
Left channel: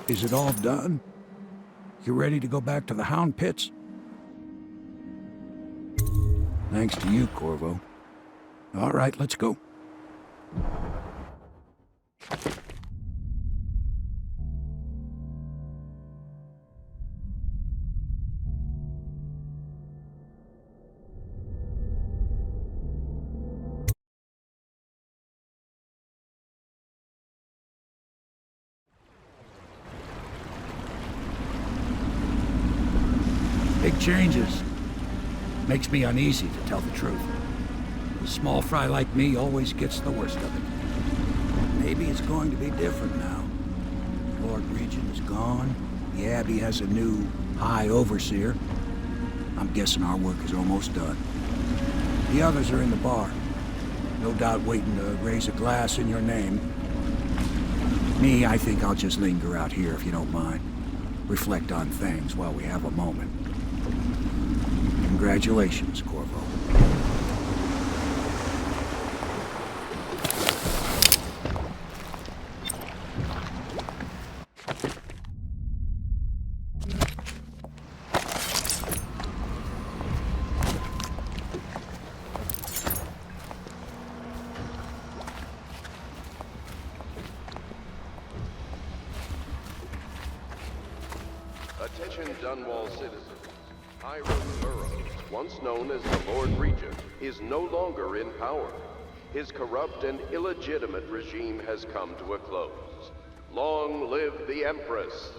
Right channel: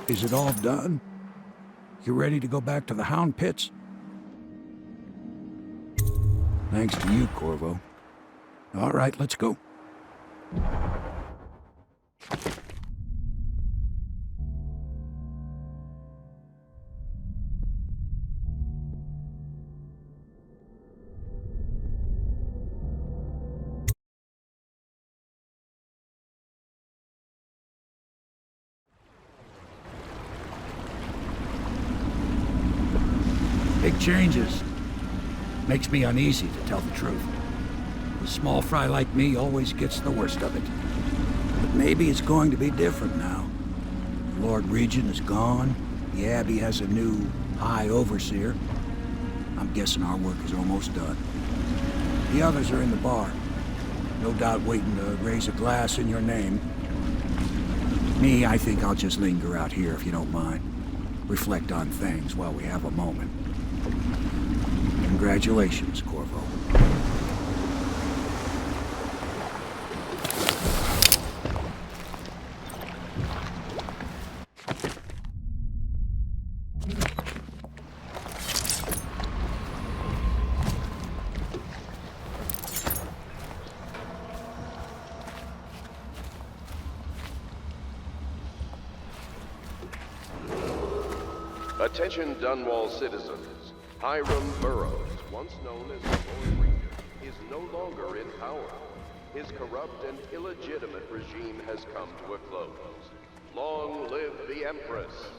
Is it all done? You ready to go back to the Hound Pits? Thanks to you, Corvo. All right, let's go. Big changes. Makes me uneasy, to tell the truth. A small fry like me always gets the worst of it. But maybe it's going to be different now. The Lord Regent is gone. The Abbey has a new High Overseer. I'm guessing our work is almost done. The others are in the bar. No doubt waiting to raise a glass in your name. Me, I think I'll just linger out here if you don't mind. Reflect on things while we have a moment. Congratulations, Corvo. Attention Dunwall citizens. Hiram Burroughs, once known as the Lord Regent, is no longer in power. His corrupt and illegitimate regime has come to a close. Long live the Empress!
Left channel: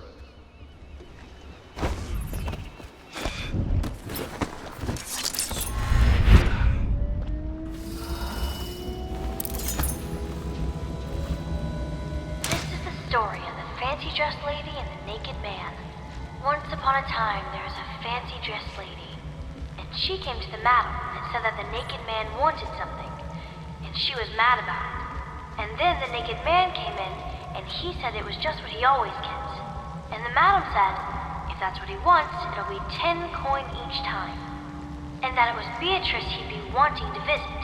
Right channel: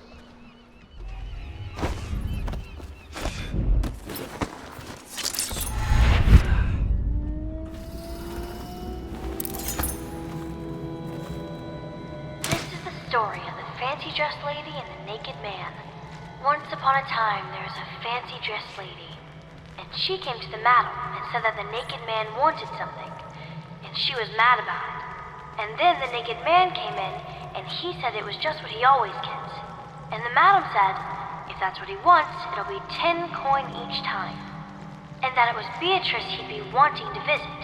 This is the story of the fancy-dressed lady and the naked man. Once upon a time, there was a fancy-dressed lady, and she came to the madam and said that the naked man wanted something, and she was mad about it. And then the naked man came in, and he said it was just what he always gets. And the madam said, if that's what he wants, it'll be 10 coin each time. And that it was Beatrice he'd be wanting to visit.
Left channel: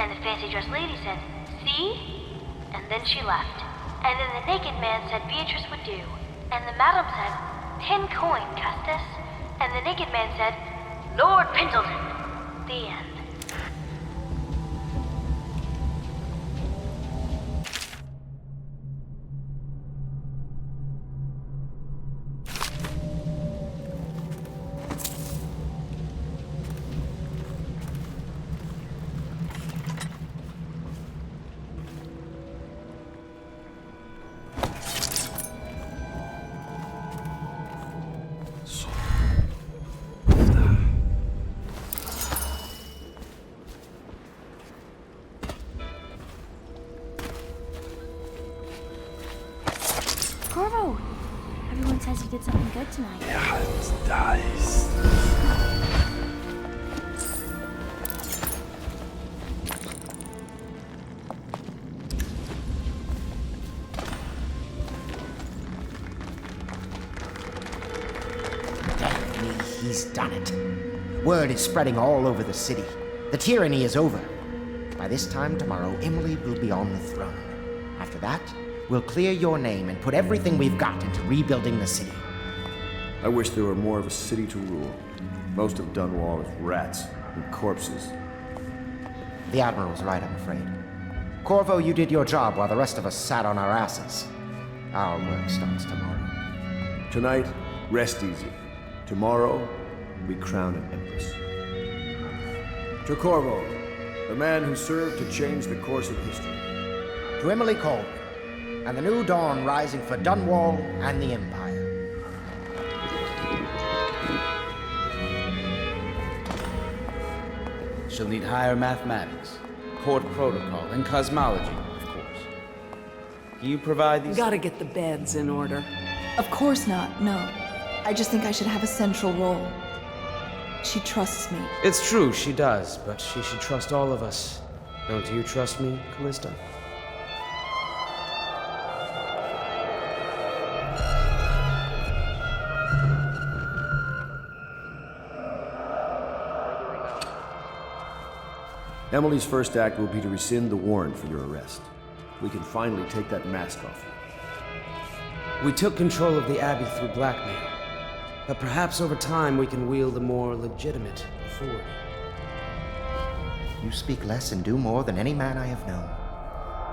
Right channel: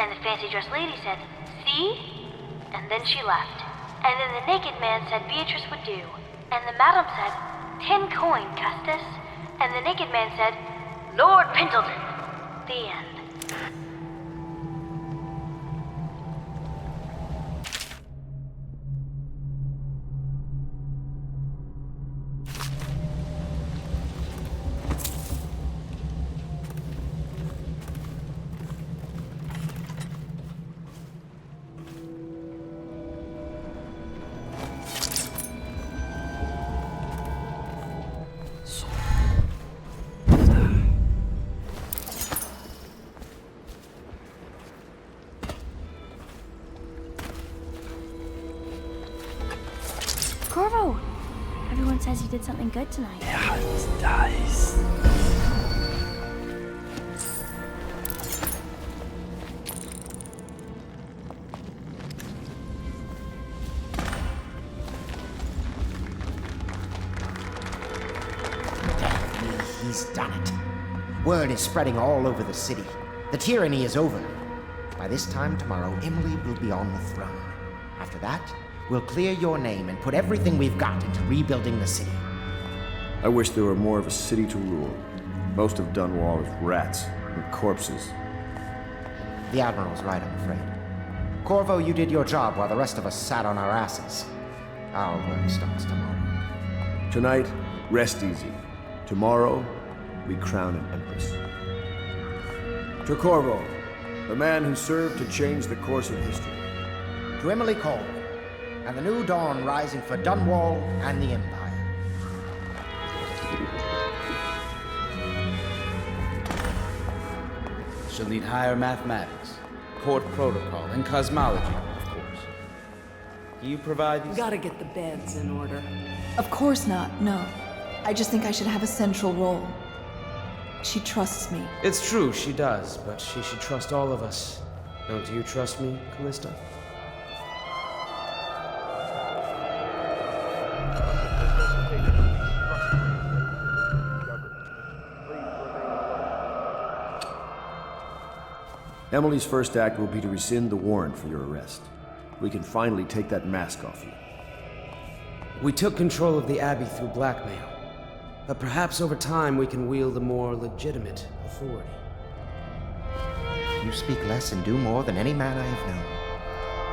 And the fancy-dressed lady said, see? And then she left. And then the naked man said Beatrice would do. And the madam said, 10 coin, Custis. And the naked man said, Lord Pendleton. The end. Corvo! Everyone says you did something good tonight. Nice. Damn me, he's done it. Word is spreading all over the city. The tyranny is over. By this time tomorrow, Emily will be on the throne. After that, we'll clear your name and put everything we've got into rebuilding the city. I wish there were more of a city to rule. Most of Dunwall is rats and corpses. The Admiral's right, I'm afraid. Corvo, you did your job while the rest of us sat on our asses. Our work starts tomorrow. Tonight, rest easy. Tomorrow, we crown an empress. To Corvo, The man who served to change the course of history. To Emily Caldwell, and the new dawn rising for Dunwall and the Empire. She'll need higher mathematics, court protocol, and cosmology, of course. Do you provide these? Gotta get the beds in order. Of course not, no. I just think I should have a central role. She trusts me. It's true, she does, but she should trust all of us. Don't you trust me, Callista? Emily's first act will be to rescind the warrant for your arrest. We can finally take that mask off you. We took control of the Abbey through blackmail, but perhaps over time we can wield a more legitimate authority. You speak less and do more than any man I have known.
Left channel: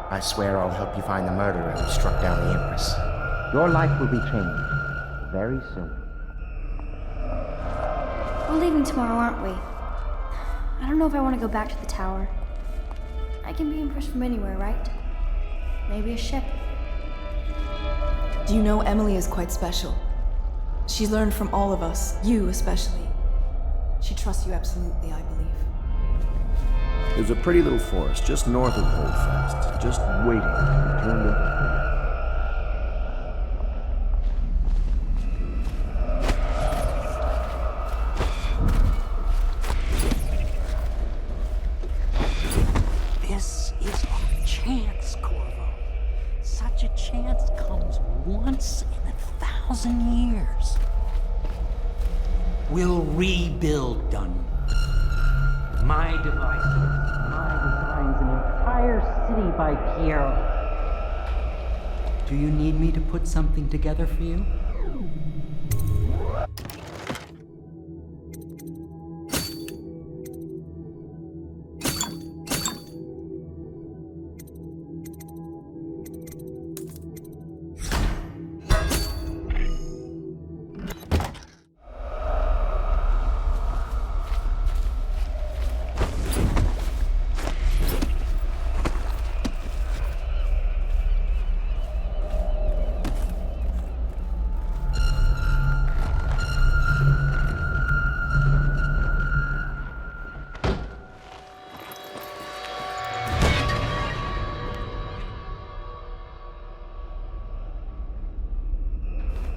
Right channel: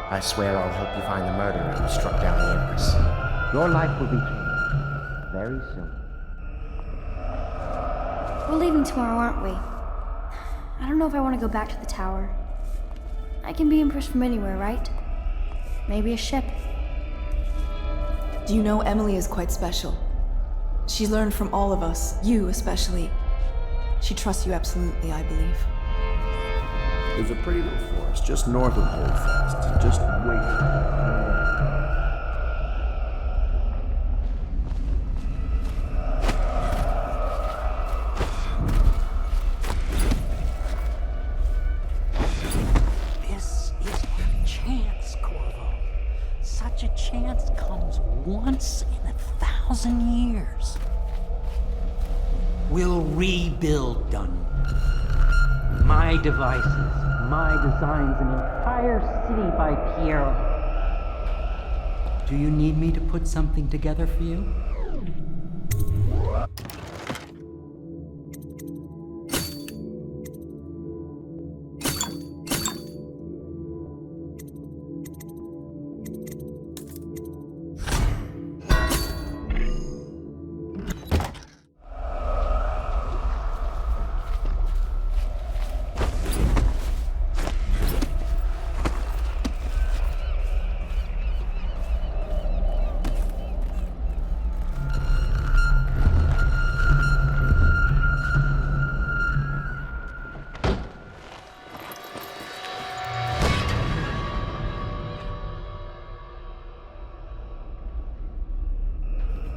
I swear I'll help you find the murderer who struck down the Empress. Your life will be changed very soon. We're leaving tomorrow, aren't we? I don't know if I want to go back to the tower. I can be impressed from anywhere, right? Maybe a ship. Do you know Emily is quite special? She's learned from all of us, you especially. She trusts you absolutely, I believe. There's a pretty little forest just north of Holdfast, just waiting to turn left. This is our chance, Corvo. Such a chance comes once in 1,000 years. We'll rebuild Dunwall. My devices, my designs, an entire city by Piero. Do you need me to put something together for you?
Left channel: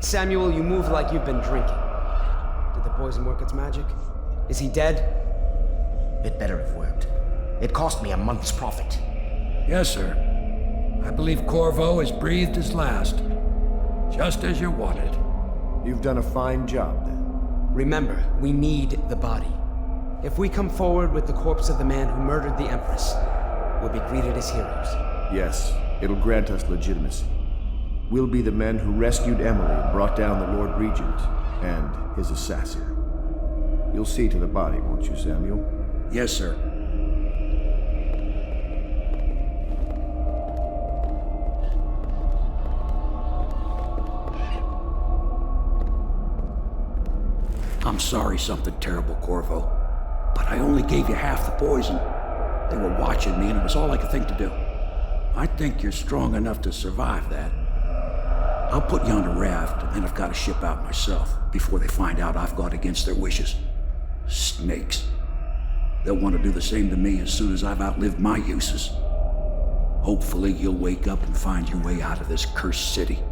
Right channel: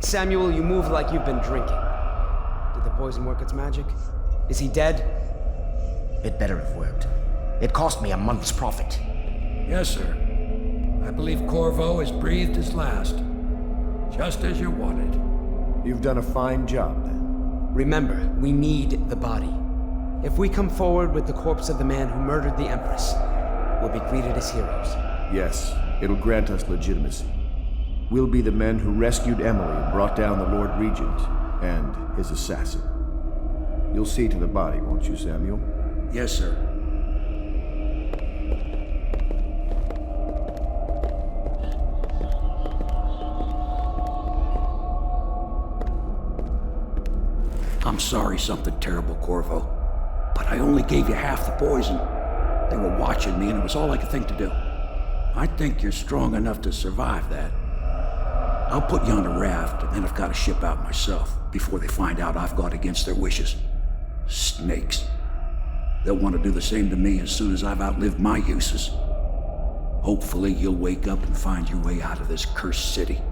Samuel, you move like you've been drinking. Did the poison work its magic? Is he dead? It better have worked. It cost me a month's profit. Yes, sir. I believe Corvo has breathed his last. Just as you wanted. You've done a fine job, then. Remember, we need the body. If we come forward with the corpse of the man who murdered the Empress, we'll be greeted as heroes. Yes, it'll grant us legitimacy. We'll be the men who rescued Emily and brought down the Lord Regent and his assassin. You'll see to the body, won't you, Samuel? Yes, sir. I'm sorry something terrible, Corvo. But I only gave you half the poison. They were watching me and it was all I could think to do. I think you're strong enough to survive that. I'll put you on a raft, and then I've got to ship out myself before they find out I've gone against their wishes. Snakes. They'll want to do the same to me as soon as I've outlived my uses. Hopefully you'll wake up and find your way out of this cursed city.